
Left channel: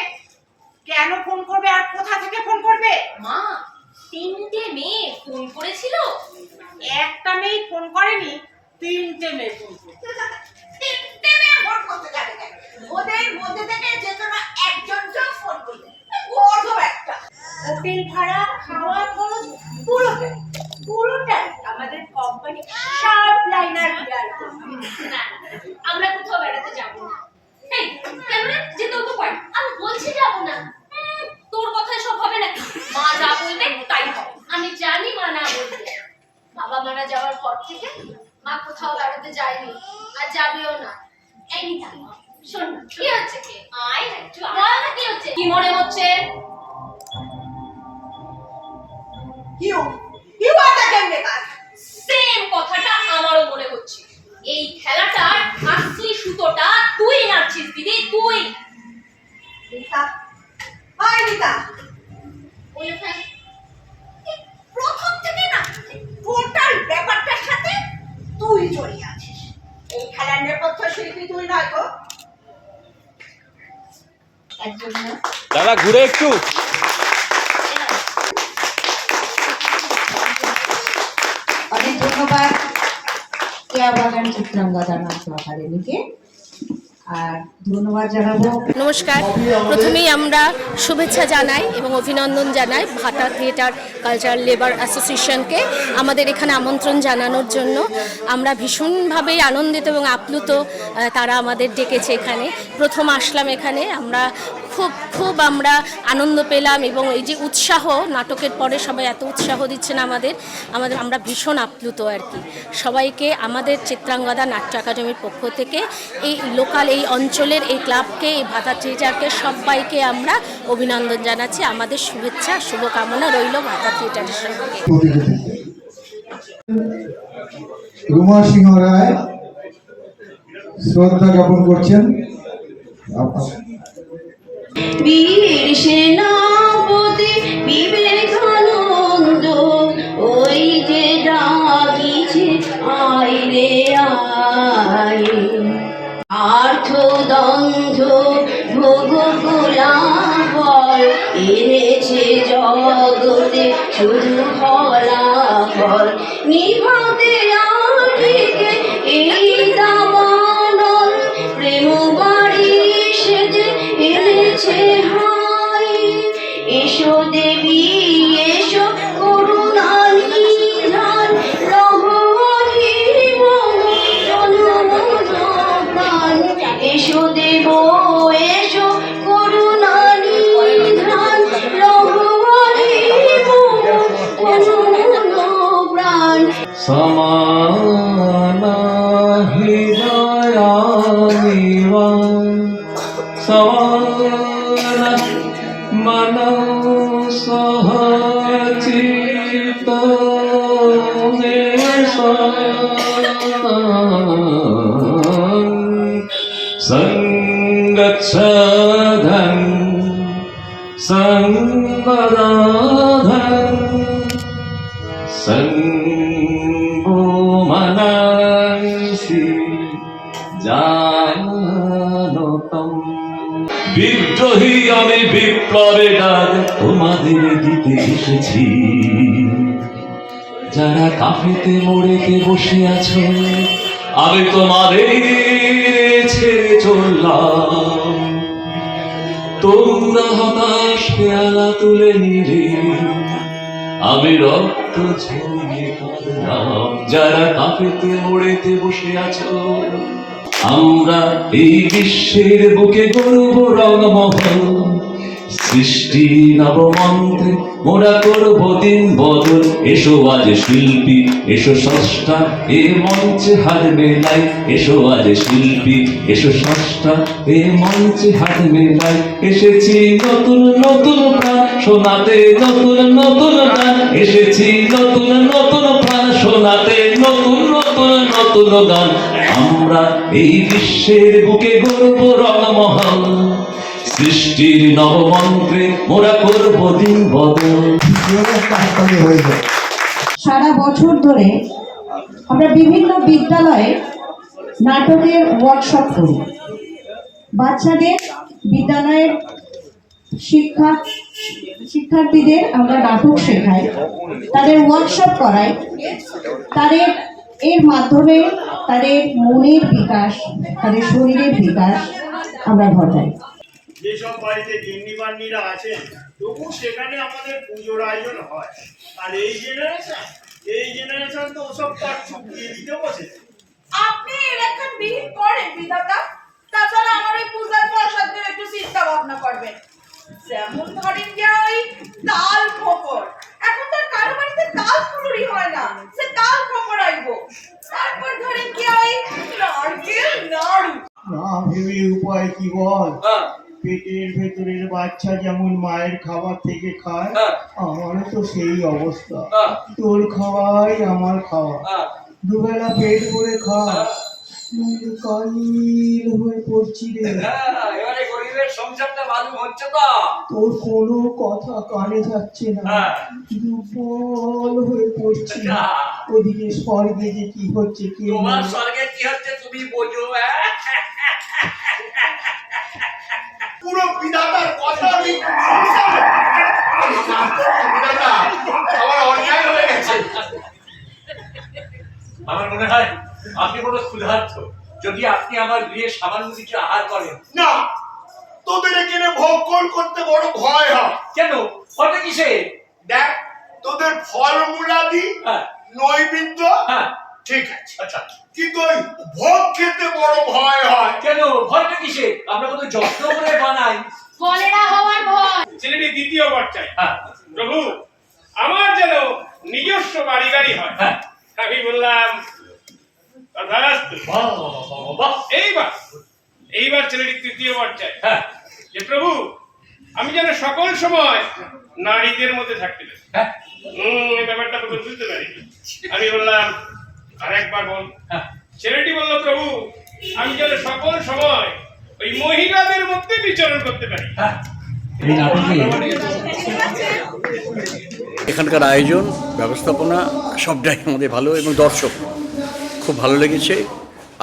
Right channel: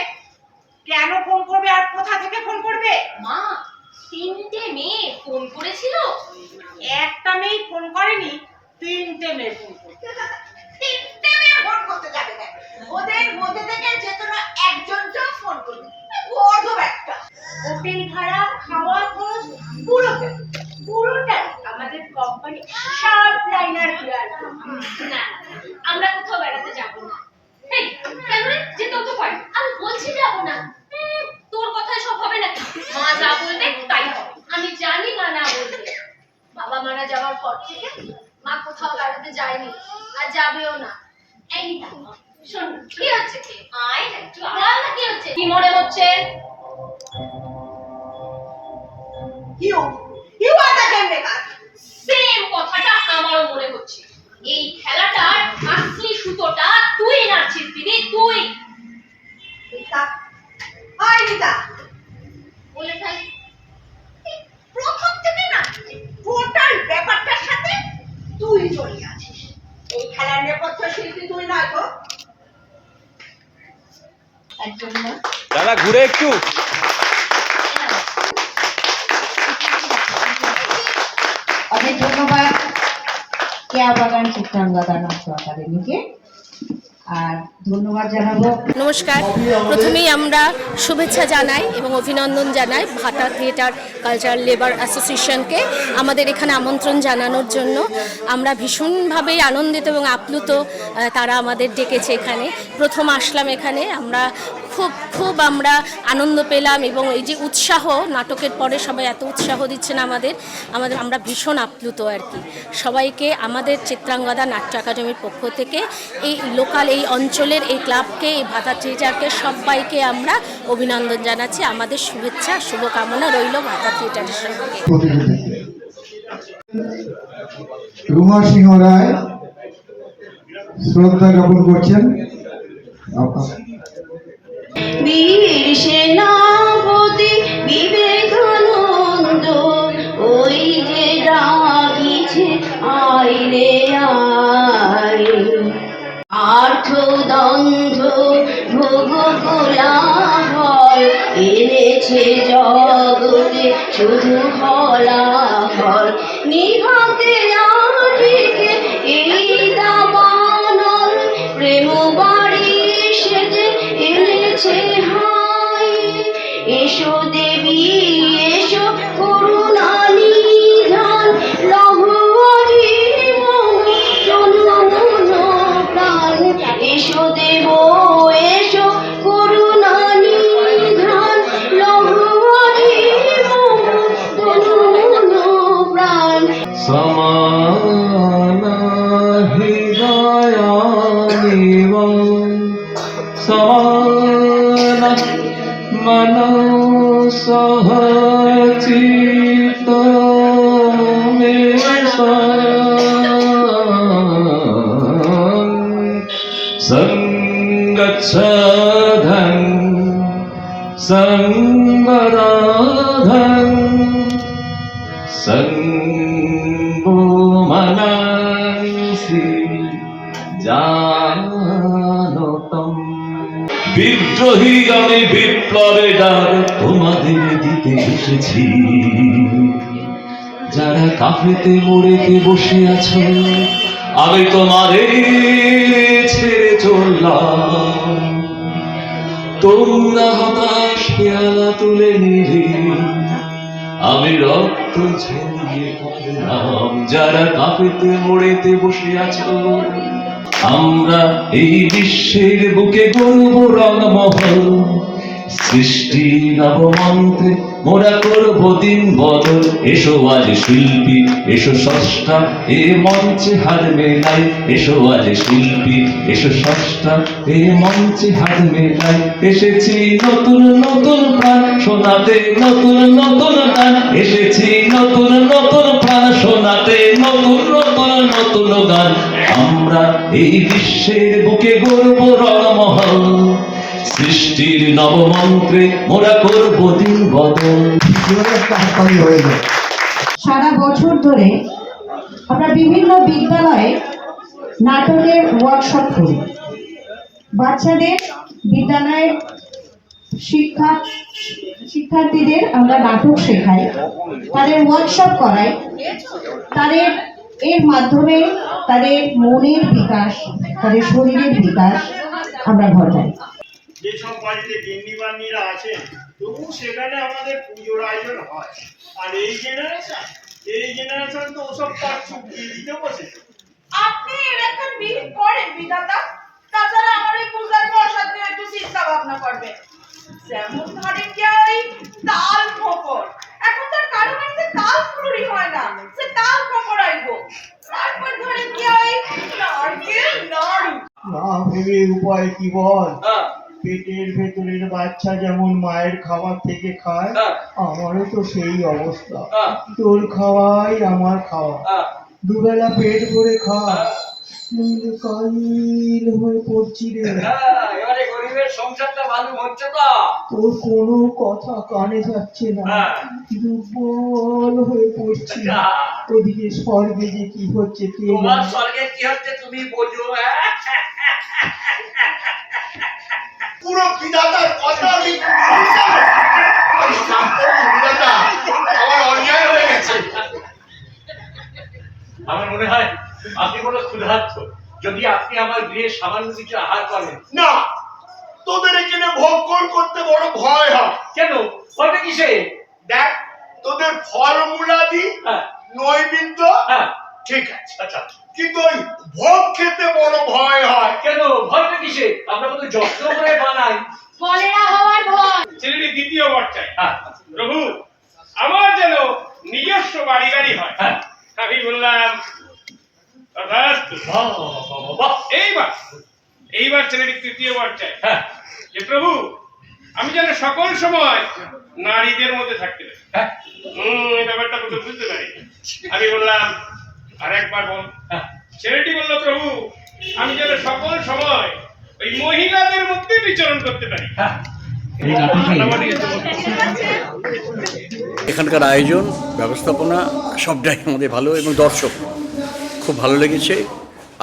কেন ফোন করবে, আর কোথা থেকে ফোন করবে? মা, 3টে মেয়ে ফোন করেছিল। একটা মেয়ে ফোন করেনি, 3টে মেয়ে ফোন করছে। 3টে মেয়ে ফোন করতে যাবে কেন? ওদের মধ্যে থেকে যে কোনো একজন ফোন করবে। বড় একটা হোটেল ভাড়া, খাওয়া খরচ পুরোটাই আমাদের কোম্পানি শার্প লাইনার হিয়ার। না, আমরা কোথাও বেড়াতে যাব না। এই, কেন রে? যেতেও তো পারি। আমি বলছি যাব না। তোর কথায় সব হবে নাকি? মা যা বলবে তাই হবে। আমি জানি মা না বলবে। বাবা মারা যাওয়ার পর থেকে মা কোথাও বেড়াতে যায়নি, আর যাবেও না। এই নিতা, শোন, কি হচ্ছে? কি আয় একটু বল না, কি হচ্ছে? কি মনে হচ্ছে? You are the game maker. Same কথাটা আমারও মনে হচ্ছে। এই খেলাটার আসলি সুতোটা তুই নাড়ছিস দিদি, তুই। নিতা, আয় নিতা, বলে ফেল। প্রথম থেকে না টোটাল ব্যাপারটার সাথে তুই জড়িয়ে আছিস। এই খেলার নেপথ্য শিল্পী তুই নয় তো? একজন না। দাদা ঘুরে একটু। অনেক ধন্যবাদ কেয়া বাগান চিত্রাঙ্গদা নাট্য একাডেমিকে, আর ধন্যবাদ জানাবো। নমস্কার, প্রথমেই আমরা শুভেচ্ছা জানাই এবং অভিনন্দন জানাই ভাটা থিয়েটার কালচারাল লেবার অ্যাসোসিয়েশনকে আমাদের এখানে আমন্ত্রণ জানানোর জন্য। আমরা ভীষণভাবে আনন্দিত এবং আপ্লুত, তারা আমাদের ডেকেছে এখানে। প্রথম আসলাম এখানে, আমরা খুব খুব আমরা আনন্দ পেলাম এবং এই যে উৎসাহ নাটকের পরে সবাই এত উৎসাহ দিচ্ছেন আমরা ভীষণ আপ্লুত আর কি। সবাইকে আমাদের চিত্রাঙ্গদা নাট্য একাডেমির পক্ষ থেকে এই লোকাল এই অঞ্চলের এই ক্লাবকে এই ভাতা থিয়েটারকে সবাইকে আমরা অভিনন্দন জানাচ্ছি। আমাদের শুভেচ্ছা শুভকামনা রইল ভাতা থিয়েটারের সঙ্গে। রুমা সিংহ রায় শ্রদ্ধা জ্ঞাপন করছেন। বীর সেনাপতি বিবেকানন্দ ওই যে ডাকিছে আয় রে আয়, আর্থদন্ধ ভোগ কোলাহল এনেছে জগতে শুধু ফলাফল, নিভাতে আটিকে এই দাবানল, প্রেম বাড়ি সেজে এনেছে হাই। এসো দেবী এসো করুণা নিধান, লহরি প্রাণ। এসো দেব এসো করুণা নিধান, লহরি প্রাণ। সমানা হৃদয়ানিবং সমানা মনসহ চিত্তমেষং সঙ্গচ্ছধং সঙ্গরাধং সঙ্গো মনসি জানতম। বিদ্রোহী আমি বিপ্লবে ডাক তোমাদের দিতে এসেছি, যারা কাফেতে মোড়েতে বসে আছো আমি তোমাদের ছেড়ে চললাম। তোমরা হতাশ পেয়ালা তুলে নিলে আমি রক্ত ঝরিয়ে কাঁদলাম, যারা কাঁপেতে মোড়েতে বসে আছো। আমরা এই বিশ্বের বুকে গর্ব রঙমহল, সৃষ্টি নবমন্ত্রে মোরা করব দিন বদল। এসো আজ শিল্পী এসো স্রষ্টা এ মঞ্চে হার মেলাই, এসো আজ শিল্পী এসো স্রষ্টা এ মঞ্চে হার মেলাই। এসেছি নতুন নতুন প্রাণ শোনাতে নতুন নতুন গান, এসেছি নতুন নতুন প্রাণ শোনাতে নতুন নতুন নতুন গান। আমরা এই বিশ্বের বুকে গর্ব রঙমহল, সৃষ্টির নবমন্ত্রে মোরা করব দিন বদল। সারা বছর ধরে আমরা বিভিন্ন বিদ্যালয়ে নাটকের ওয়ার্কশপ করি। বাচ্চাদের বিদ্যালয়ের শিক্ষার্থীদের আমরা নাটক শেখাই, তাদের ওয়ার্কশপ করাই, তাদের এর মাধ্যমে তাদের মনের বিকাশ, তাদের শরীরের বিকাশ আমরা ঘটাই। যেসব বাড়িতে গিন্নি বান্নিরা আছেন তবু সেখানে আমাদের পুজোর আয়োজন হয়। আর এই জেনারেশন তো ওসব পাঠ চুকিয়ে দিতে বসেছে। আপনি এরকম বিহিত করেন বিধাতা, তাছাড়া আমার ওই পূজার প্রসাদ নিয়ে একটু চিন্তা ভাবনা করবেন। যেমন ধরেন যে ওই তাল খোকর, এখন তার কারো বাড়িতে তাল ফুলুরি হয় না, সে তাল খোকর আইবো। তারপর ধরেন কি ওই নারকেল নাড়ু। না ভেবে উপায় কি বল? পেটের ভেতরের বাচ্চা যেমন মায়ের খাবার থেকে খায়, আমারও তো সেই অবস্থা। তোর খাওয়াই আমার খাওয়া, দুবেলা পেট ভরে খাওয়া, নইলে কাইল হয়ে পড়ছি রে। এবারে গরিবের সংসারটা ভালো হচ্ছে তো। তোর কোনো কথা কানে যাচ্ছে না, দুর্বল হয়ে পড়ছি। ওদিকে স্বর্গে যে কি হচ্ছে কে তোমার স্বর্গে কি হচ্ছে তুমি বোঝো। পুরো বিধাতার কথা আমি বিধাতা আমার অন্যায় হয়ে গেছে। আমার মনে হয় আপনি কোনো ক্ষুধার্ত, যদি আপনি আমার গৃহে সামান্য কিছু আহার করেন। না, তোদের এখানে ভক্ষণ করতে বড় ভয় হয়। কেন? ওটা কিসে? দেখ, তোদের ফলমূলা দি নৈবেদ্য ঠিক আছে, আচ্ছা, কিন্তু ওই ভোগ খেতে বড় ভয় হয়। কেন? ভয়টা কিসে? আমরা কত যত্ন করে বানাই। কলেরা হওয়ার ভয়। ছেলেটি দ্বিতীয় বর চাই। প্রভু আমার যেন নিজস্ব বাড়ি গাড়ি হয়। আমি বললাম তথাস্তু। এইবার ছেলেটি তৃতীয় বর চাই যে প্রভু আমি যেন সকল সময় নারীদের মধ্যে থাকতে পারি। এই ব্যাপারটা বুঝতে পারি। আমি বললাম আরেকবার বল। ছেলেটি বলল প্রভু আমি যেন সকল সময় ওই মহিলাদের মধ্যে বিচরণ করতে পারি। এখানকার আয়োজন ব্যবস্থাপনা সবটাই আমাদের ভালো এবং দর্শক খুব ভালো লেগেছে।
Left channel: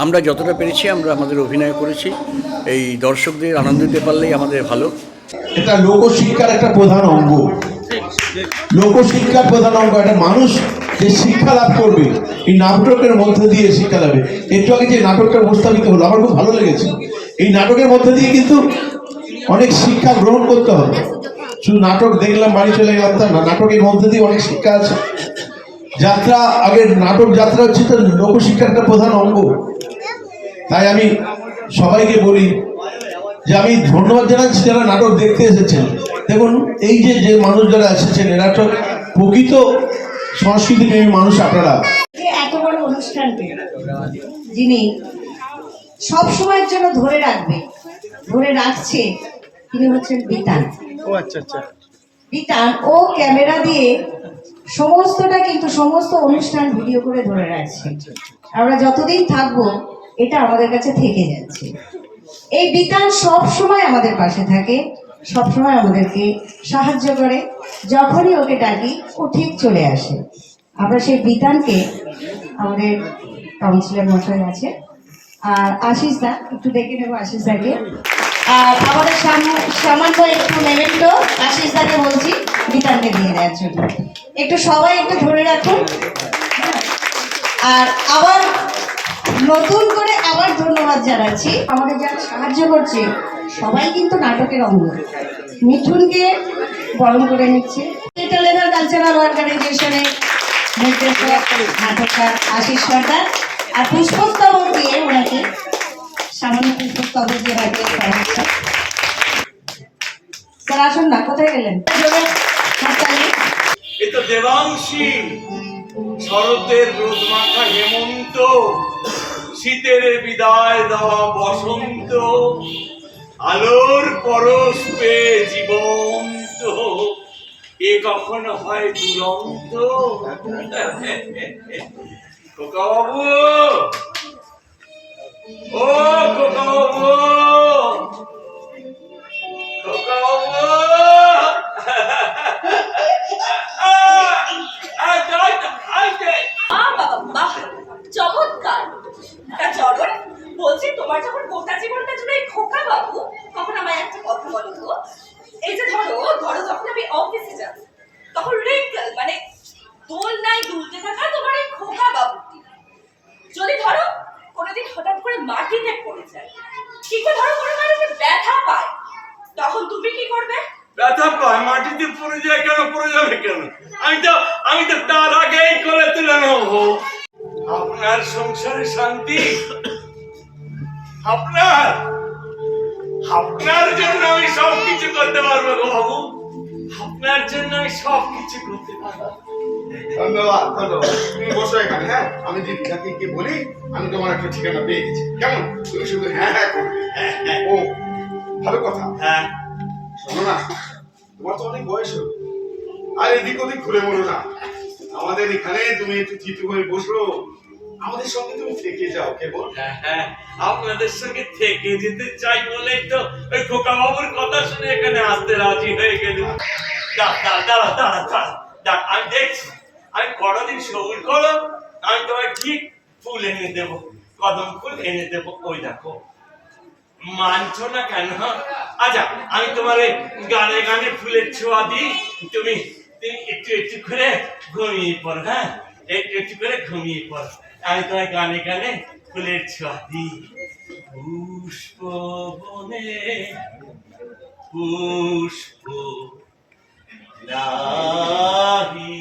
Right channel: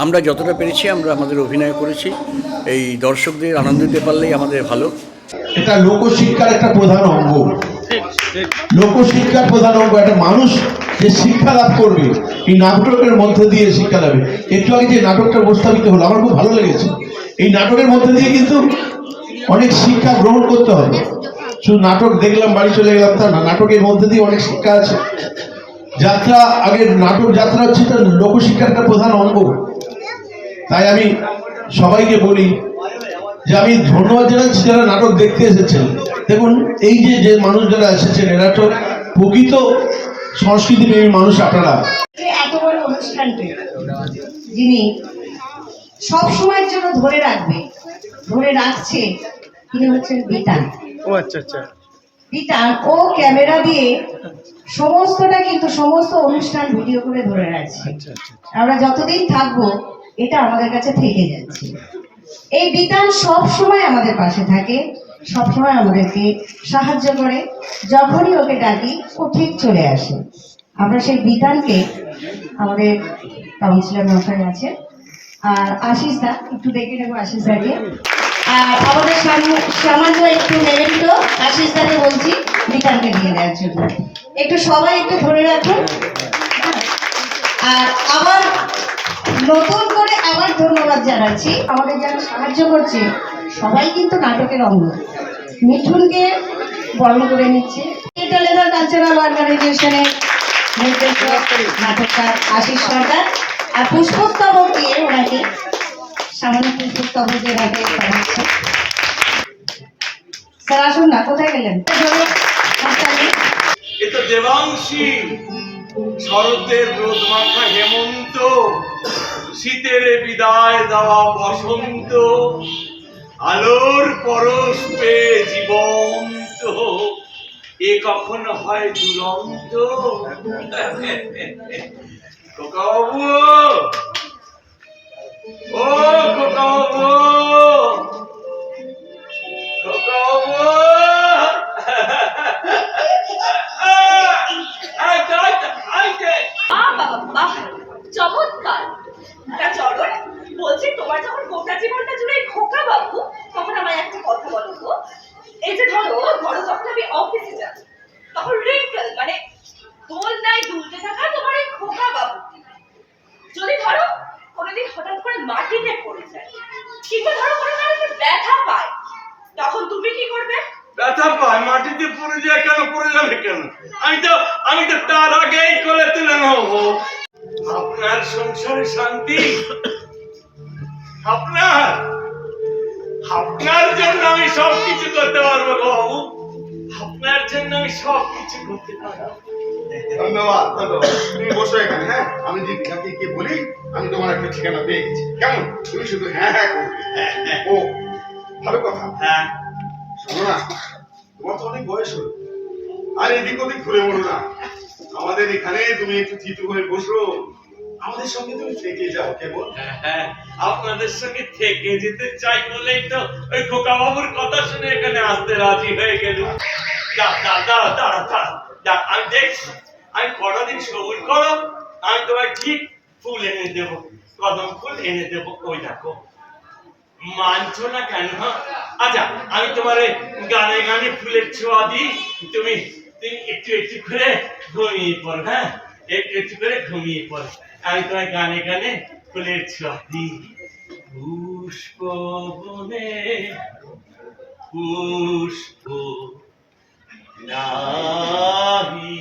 আমরা যতটা পেরেছি আমরা আমাদের অভিনয় করেছি। এই দর্শকদের আনন্দ দিতে পারলেই আমাদের ভালো। এটা লোকশিক্ষার একটা প্রধান অঙ্গ। লোকশিক্ষার প্রধান অঙ্গ একটা মানুষ যে শিক্ষা লাভ করবে এই নাটকের মধ্যে দিয়ে শিক্ষা লাভে। একটু আগে যে নাটকটা উপস্থাপিত হলো আমার খুব ভালো লেগেছে। এই নাটকের মধ্যে দিয়ে কিন্তু অনেক শিক্ষা গ্রহণ করতে হবে। শুধু নাটক দেখলাম বাড়ি চলে গেলাম তা না, নাটকের মধ্যে দিয়ে অনেক শিক্ষা আছে। যাত্রা আগে নাটক যাত্রা হচ্ছে তো লোকশিক্ষার একটা প্রধান অঙ্গ। তাই আমি সবাইকে বলি যে আমি ধন্যবাদ জানাচ্ছি যারা নাটক দেখতে এসেছেন। দেখুন এই যে মানুষ যারা এসেছেন এরা তো প্রকৃত সংস্কৃতি প্রেমী মানুষ। আপনারা যে এত বড় অনুষ্ঠানটি যিনি সব সময়ের জন্য ধরে রাখছে তিনি হচ্ছেন বিতান। বিতান ও ক্যামেরা দিয়ে সমস্তটা কিন্তু সমস্ত অনুষ্ঠান ভিডিও করে ধরে রাখছে। আমরা যতদিন থাকবো এটা আমাদের কাছে থেকে যাচ্ছে। এই বিতান সব সময় আমাদের পাশে থাকে, সব সময় আমাদেরকে সাহায্য করে। যখনই ওকে ডাকি ও ঠিক চলে আসে। আমরা সেই বিতানকে আমাদের কাউন্সিলর মশাই আছে আর আশিস দা একটু দেখে নেবো আশিস দাকে। আর আমাদের সামান্য একটু নেবেন তো আশিস দাকে বলছি বিতানকে দিয়ে দেওয়ার জন্য। একটু সবাই একটু ধরে রাখুন। আর আবার নতুন করে আবার ধন্যবাদ জানাচ্ছি আমাদের যারা সাহায্য করছে সবাই কিন্তু নাটকের অঙ্গ। মিঠুনকে বরণ করে নিচ্ছে লেদার কালচারাল অর্গানাইজেশনের নির্দেশক নাটককার আশিস সরকার। আর পুষ্পস্তবক দিয়ে ওনাকে সামান্য পুষ্পস্তবক দিয়ে রাখে হচ্ছে। স্যার আসুন না, কোথায় গেলেন? এ তো দেবাংশী, শরতের রোদ মাখা হেমন্ত, শীতের বিদায় দেওয়া বসন্ত, আলোর পরশ পেয়ে জীবন্ত, এ কখনো হয় দুরন্ত। খোকাবাবু, ও খোকাবাবু, খোকাবাবু, চমৎকার। তা চলো বলছি তোমার যখন গোটা জীবনটা জুড়ে খোকা বাবু তখন আমায় একটা কথা বলো তো। এই যে ধরো যখন আমি অফিসে যাব তখন রিঙ্কেল মানে দোলনায় দুলতে থাকা তোমার এই খোকা বাবু যদি ধরো কোনোদিন হঠাৎ করে মাটিতে পড়ে যায় কিংবা ধরো কোনো কারণে ব্যথা পায় তখন তুমি কি করবে? ব্যথা পায় মাটিতে পড়ে যায় কেন? পড়ে যাবে কেন? আমি তো তার আগেই কোলে তুলে নেবো। আপনার সংসারে শান্তি, আপনার জন্য আমি সবকিছু করতে পারবো গো বাবু। আপনার জন্য আমি সবকিছু করতে পারবো। ধন্যবাদ ধন্যবাদ। তুমি বসো এখানে। হ্যাঁ আমি দীপিকাকে গিয়ে বলি আমি তোমার একটা ঠিকানা পেয়ে গেছি। কেমন? তুমি শুধু হ্যাঁ হ্যাঁ করবে। ও ভালো কথা। হ্যাঁ শোনো না, তোমার তো অনেক বয়স হলো, আর এদিক ওদিক ঘুরে বলো না। আমাদের এখানে তুমি একটু থিতু হয়ে বসো, আমাদের সঙ্গে তুমি থেকে যাও। কেমন? হ্যাঁ আপনাদের সঙ্গে থেকে যেতে চাই বলেই তো ওই খোকা বাবুর কথা শুনে এখানে আসতে রাজি হয়ে গেল। দাঁড়া আমি দেখছি, আমি কটা দিন সবুর করো, আমি তোমায় ঠিক ফুল এনে দেবো, কদম ফুল এনে দেবো। ওই দেখো মানছো না কেন? আচ্ছা আমি তোমার গানে গানে ফুলের ছোঁয়া দিই, তুমি একটু একটু করে ঘুমিয়ে পড়ো। হ্যাঁ একটু একটু করে ঘুমিয়ে পড়ো, আমি তোমার গানে গানে ফুলের ছোঁয়া দিই। পুষ্প বনে পুষ্প নাহি।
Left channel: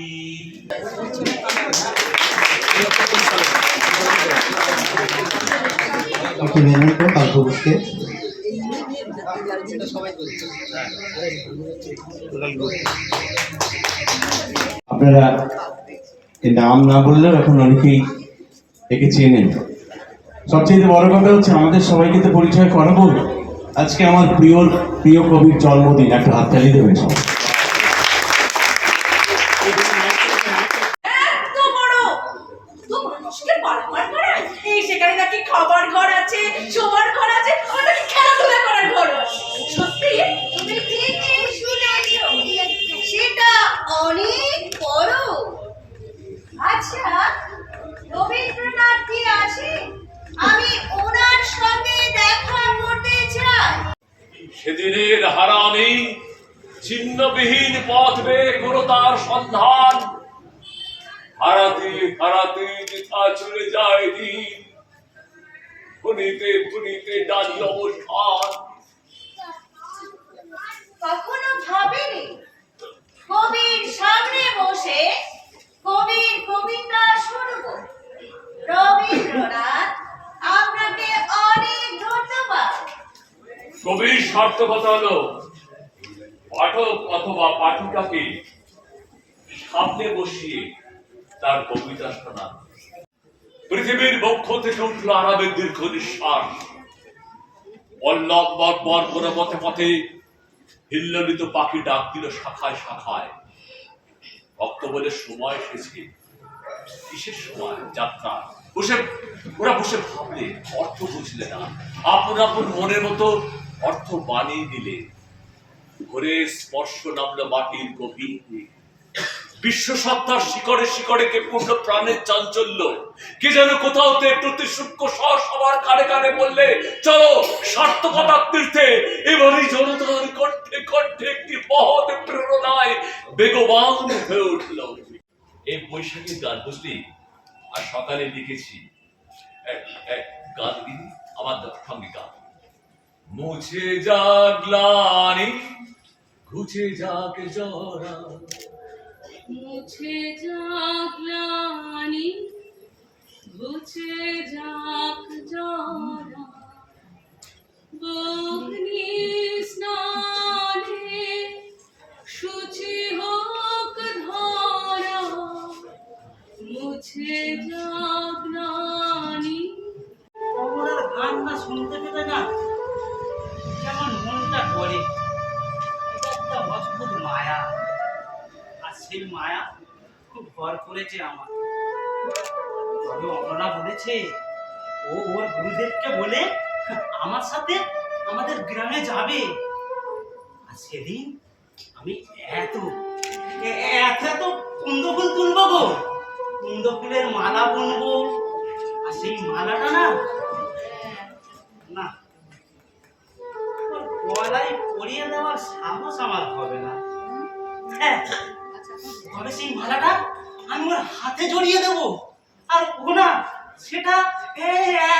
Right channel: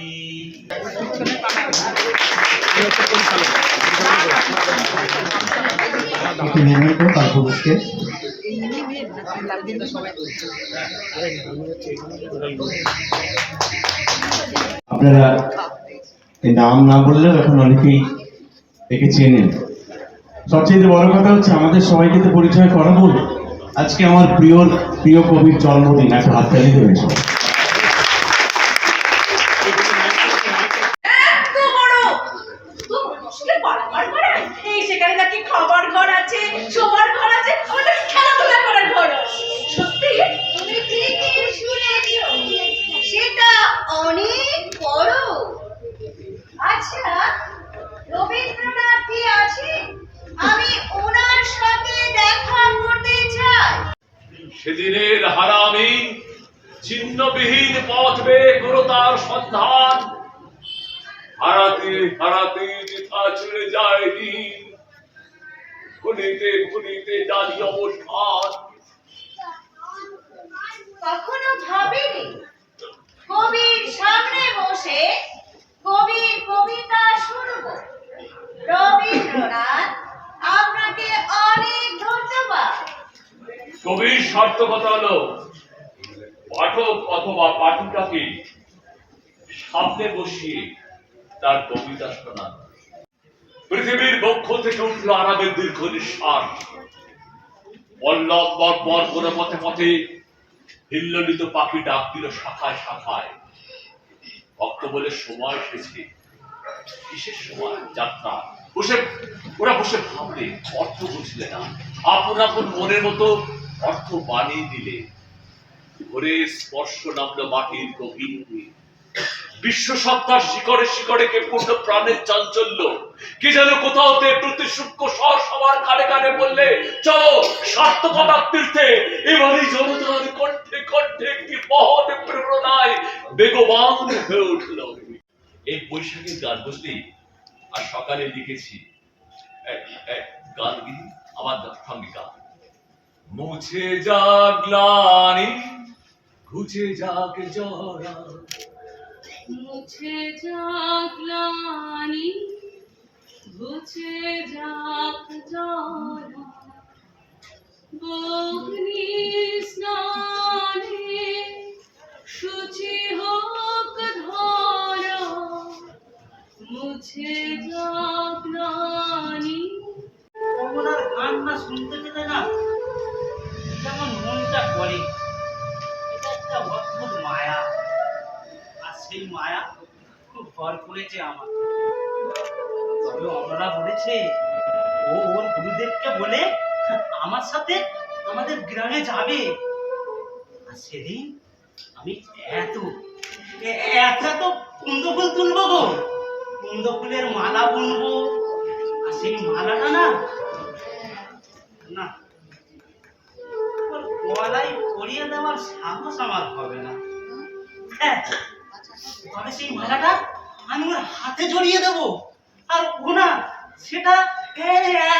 একটি মেনর কালপুরুষকে আপনারা এই নাম না বললেও এখন অনেকেই একে চেনেন। সবচেয়ে বড় কথা হচ্ছে আমাদের সবাইকে তো পরিচয় করাবো। আজকে আমার প্রিয় প্রিয় কবির জন্মদিন, একটা হাততালি দেবেন সবাই। এত বড় তো মানুষকে বারবার করায় এই সেখানে নাকি খাবার ঘর আছে, শোবার ঘর আছে, আবার নাকি খেলাধুলা করার ঘর আছে। সত্যি তুমি ঠিকই শুনেছো, সেটা অনেক বড়। আচ্ছা, রবীন্দ্রনাথ কি আছে? আমি ওনার সাথে দেখা করতে চাই। সেদিনের হারামি চিহ্নবিহীন পথ বেয়ে করো তার সন্ধান, হারাতে হারাতে যেথা চলে যায় দিন, ভুলিতে ভুলিতে জানি অবস্থান। কখনো ভাবিনি কবির সামনে বসে কবির কবিতা শুনবো। রবীন্দ্রনাথ, আপনাকে অনেক ধন্যবাদ। কবির সার্থকতা হলো পাঠক অথবা পাঠিকাকে সামনে বসিয়ে তার কবিতা শোনা। পৃথিবীর বক্ষ থেকে উঠল আরামের দীর্ঘ নিঃশ্বাস, পল্লব বর্বর করে পথে পথে হিল্লোলিত পাখি ডাক দিল শাখায় শাখায়। ভক্ত বলে সময় এসেছে, কিসের সময়? যাত্রা। ওরা বসে ভাবলে, অর্থ বুঝলে না, আপন আপন মনের মতো অর্থ বানিয়ে দিলে। ঘরে স্পর্শ নামলো মাটির গভীরে, বিশ্ব সত্তার শিকড়ে শিকড়ে কে পূর্ণ প্রাণের চাঞ্চল্য। কি যেন কোথাওতে প্রতি সূক্ষ্ম স্বর সবার কানে কানে বললে, চলো সার্থকতার তীর্থে। এবারই জনতার কণ্ঠে কণ্ঠে একটি মহৎ প্রেরণায় বেগবান হয়ে উঠল। এই বৈশাখীর গান বুঝলি? আর সকালে লিখেছি গান গিনি আমার সঙ্গে গান। মুছে যাক গ্লানি, ঘুচে যাক জরা, মুছে যাক গ্লানি, ঘুচে যাক জরা, অগ্নি স্নানে শুচি হোক ধরা, মুছে যাক গ্লানি। কমলার গান না শুনতে পেলে না কেমন মনটা করে। এটা একটা অদ্ভুত মায়া, আর সেই মায়া খুব ভর করেছে আমার। তবে অমলা বলেছে ও ওর গুরুদেবকে বলে আমার সাথে আমাদের গ্রামে যাবে। আর সেদিন আমি এত এত কুন্দ ফুল তুলবো গো, কুন্দ ফুলের মালা বুনবো। আর সেই মালাটা না না ওর গলায় পরিয়ে দেওয়ার সাহস আমার হবে না। হ্যাঁ, তবে সেই মালাটা আমি ওর হাতে জড়িয়ে দেবো। আর ও না সেটা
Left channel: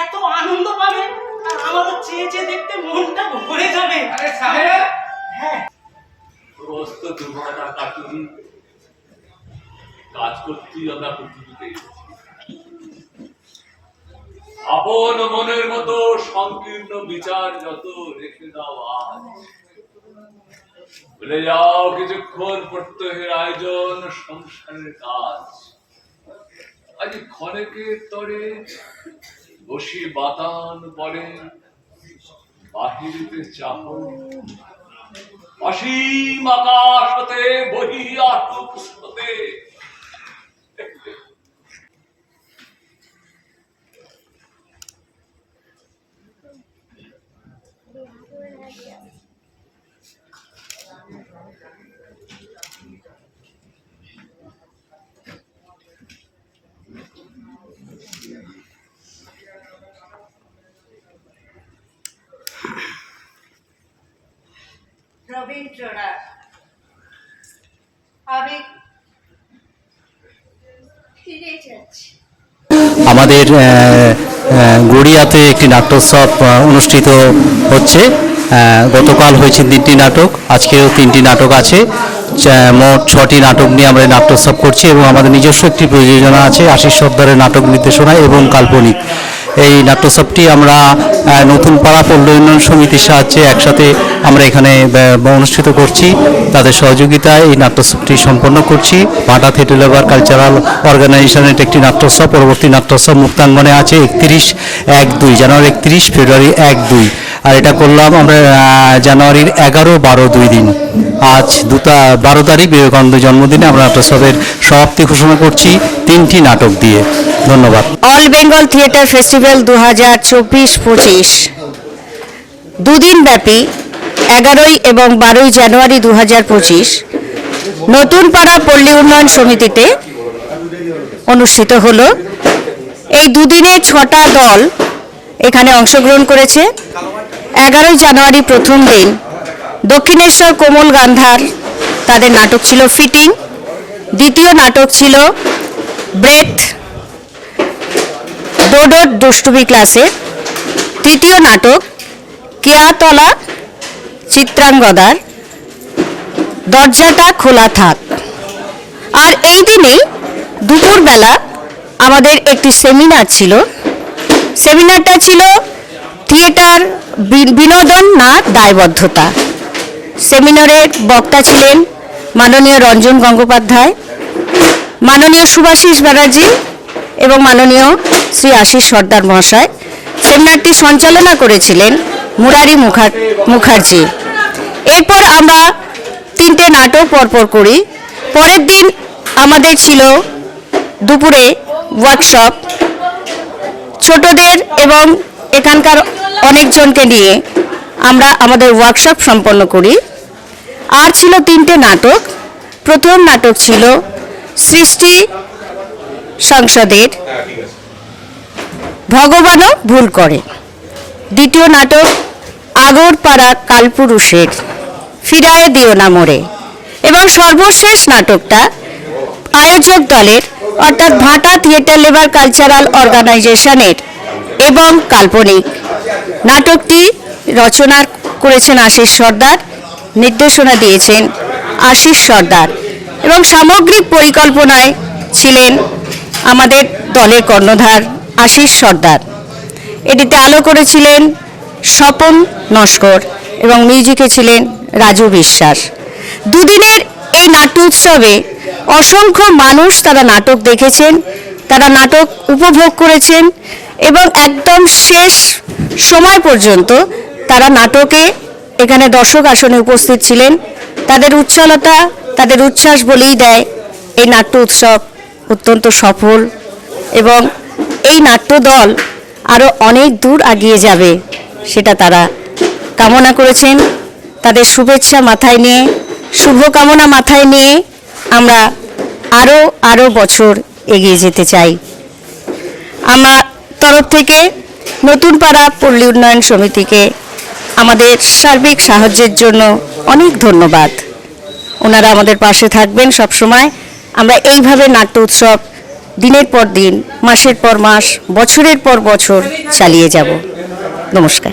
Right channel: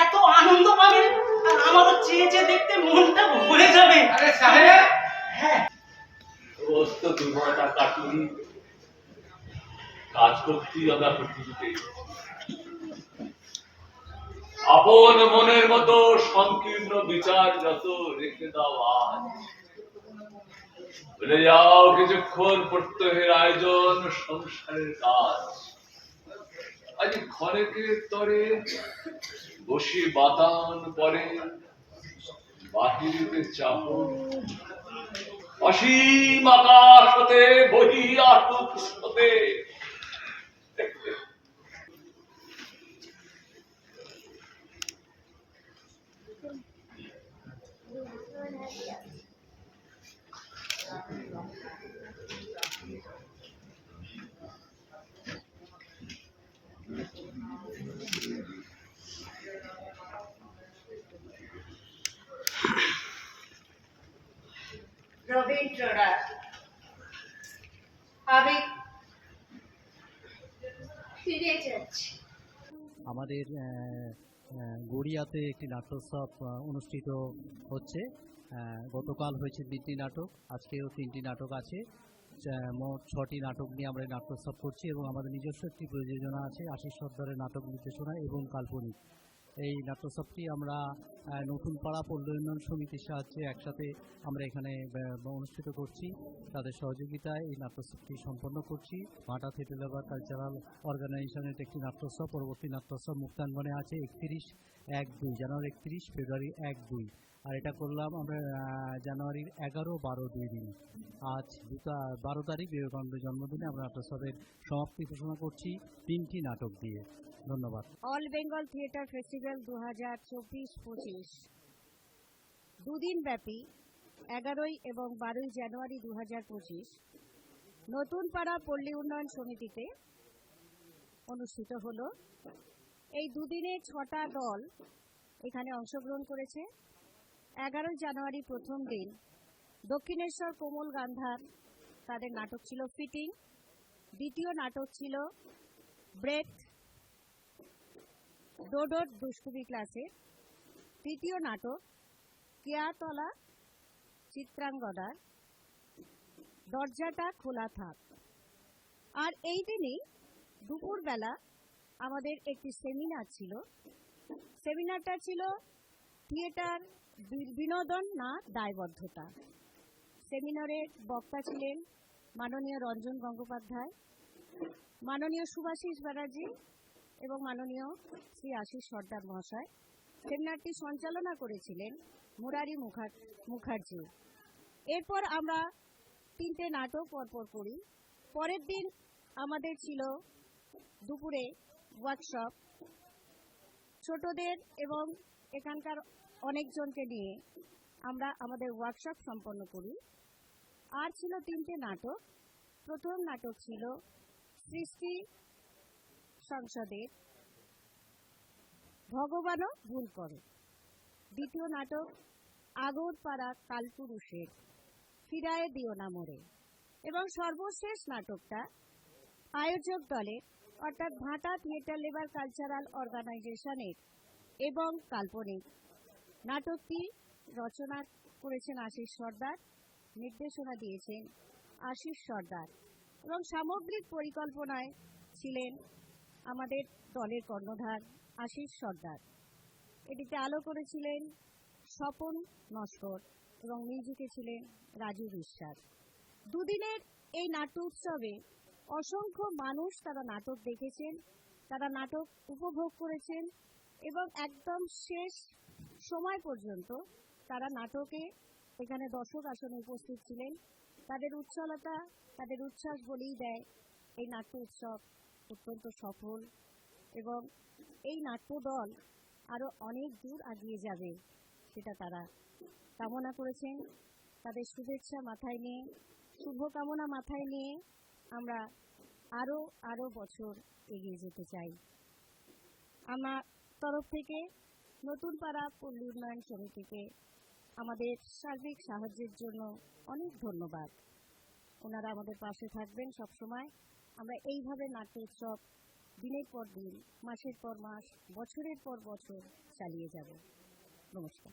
এত আনন্দ পাবে, আর আমারও চেয়ে চেয়ে দেখতে মনটা ভরে যাবে। হ্যাঁ, সমস্ত দুর্বলতা কাটিয়ে কাজ করতে আমরা পৃথিবীতে আপন মনের মতো সংকীর্ণ বিচার যত রেখে দাও আজ। ভুলে যাও কিছুক্ষণ প্রত্যহের আয়োজন, সংসারের কাজ। আজ ক্ষণেকের তরে বসি বাতান পরে, বাহিরিতে চাহ অসীম আকাশ হতে বহি আটুক হতে। রবীন্দ্রনাথ, আমি ফিরে যাচ্ছি। আমাদের গড়িয়াতে একটি নাট্যোৎসব অনুষ্ঠিত হচ্ছে। গতকাল হয়েছে 3টি নাটক, আজকেও 3টি নাটক আছে। মোট 6টি নাটক নিয়ে আমরা নাট্যোৎসব করছি এবং আমাদের নিজস্ব একটি প্রযোজনা আছে, আশিস সর্দারের নাটক নির্দেশনা এবং কাল্পনিক। এই নাট্যোৎসবটি আমরা নতুন পাড়া পল্লী উন্নয়ন সমিতির সাহায্যে একসাথে আমরা এখানে অনুষ্ঠিত করছি। তাদের সহযোগিতায় এই নাট্যোৎসবটি সম্পন্ন করছি। ভাটা থিয়েটার লেবার কালচারাল অর্গানাইজেশনের একটি নাট্যোৎসব, পরবর্তী নাট্যোৎসব মুক্তাঙ্গনে আছে 31-1-2 জানুয়ারি, 31 ফেব্রুয়ারি 1-2, আর এটা করলাম আমরা জানুয়ারির 11-12 দিন। আজ 12 তারিখ বিবেকানন্দ জন্মদিনে আমরা নাট্যোৎসবের সমাপ্তি ঘোষণা করছি 3টি নাটক দিয়ে। ধন্যবাদ। অল বেঙ্গল থিয়েটার ফেস্টিভ্যাল 2024-25 দুদিন ব্যাপী 11 এবং 12 জানুয়ারি 2025 নতুন পাড়া পল্লী উন্নয়ন সমিতিতে অনুষ্ঠিত হলো। এই দুদিনে 6টা দল এখানে অংশগ্রহণ করেছে। 11 জানুয়ারি প্রথম দিন দক্ষিণেশ্বর কোমল গান্ধার তাদের নাটক ছিল ফিটিং, দ্বিতীয় নাটক ছিল ব্রেথ ডোডোর দুষ্টুমি ক্লাসের, তৃতীয় নাটক কেয়াতলা চিত্রাঙ্গদার দরজাটা খোলা থাক। আর এই দিনেই দুপুরবেলা আমাদের একটি সেমিনার ছিল। সেমিনারটা ছিল থিয়েটার বিনোদন না দায়বদ্ধতা। সেমিনারের বক্তা ছিলেন মাননীয় রঞ্জন গঙ্গোপাধ্যায়, মাননীয় সুভাষিস ব্যানার্জি এবং মাননীয় শ্রী আশিস সর্দার মহাশয়। সেমিনারটি সঞ্চালনা করেছিলেন মুরারি মুখার্জি। এরপর আমরা 3টে নাটক পরপর করি। পরের দিন আমাদের ছিল দুপুরে ওয়ার্কশপ, ছোটদের এবং এখানকার অনেকজনকে নিয়ে আমরা আমাদের ওয়ার্কশপ সম্পন্ন করি। আর ছিল 3টে নাটক। প্রথম নাটক ছিল সৃষ্টি সংসদের ভগবানও ভুল করে, দ্বিতীয় নাটক আগরপাড়া কালপুরুষের ফিরায়ে দিও না মোরে, এবং সর্বশেষ নাটকটা আয়োজক দলের অর্থাৎ ভাটা থিয়েটার লেবার কালচারাল অর্গানাইজেশনের এবং কাল্পনিক। নাটকটি রচনা করেছেন আশিস সর্দার, নির্দেশনা দিয়েছেন আশিস সর্দার, এবং সামগ্রিক পরিকল্পনায় ছিলেন আমাদের দলের কর্ণধার আশিস সর্দার। এটিতে আলো করেছিলেন স্বপন নস্কর এবং মিউজিকে ছিলেন রাজু বিশ্বাস। দুদিনের এই নাট্য উৎসবে অসংখ্য মানুষ তারা নাটক দেখেছেন, তারা নাটক উপভোগ করেছেন এবং একদম শেষ সময় পর্যন্ত তারা নাটকে এখানে দর্শক আসনে উপস্থিত ছিলেন। তাদের উচ্ছলতা, তাদের উচ্ছ্বাস বলেই দেয় এই নাট্য উৎসব অত্যন্ত সফল এবং এই নাট্য দল আরও অনেক দূর এগিয়ে যাবে সেটা তারা কামনা করেছেন। তাদের শুভেচ্ছা মাথায় নিয়ে, শুভকামনা মাথায় নিয়ে আমরা আরও বছর এগিয়ে যেতে চাই। আমার তরফ থেকে নতুন পাড়া পল্লী উন্নয়ন সমিতিকে আমাদের সার্বিক সাহায্যের জন্য অনেক ধন্যবাদ। ওনারা আমাদের পাশে থাকবেন সব সময়। আমরা এইভাবে নাট্য উৎসব দিনের পর দিন, মাসের পর মাস, বছরের পর বছর চালিয়ে যাব। নমস্কার।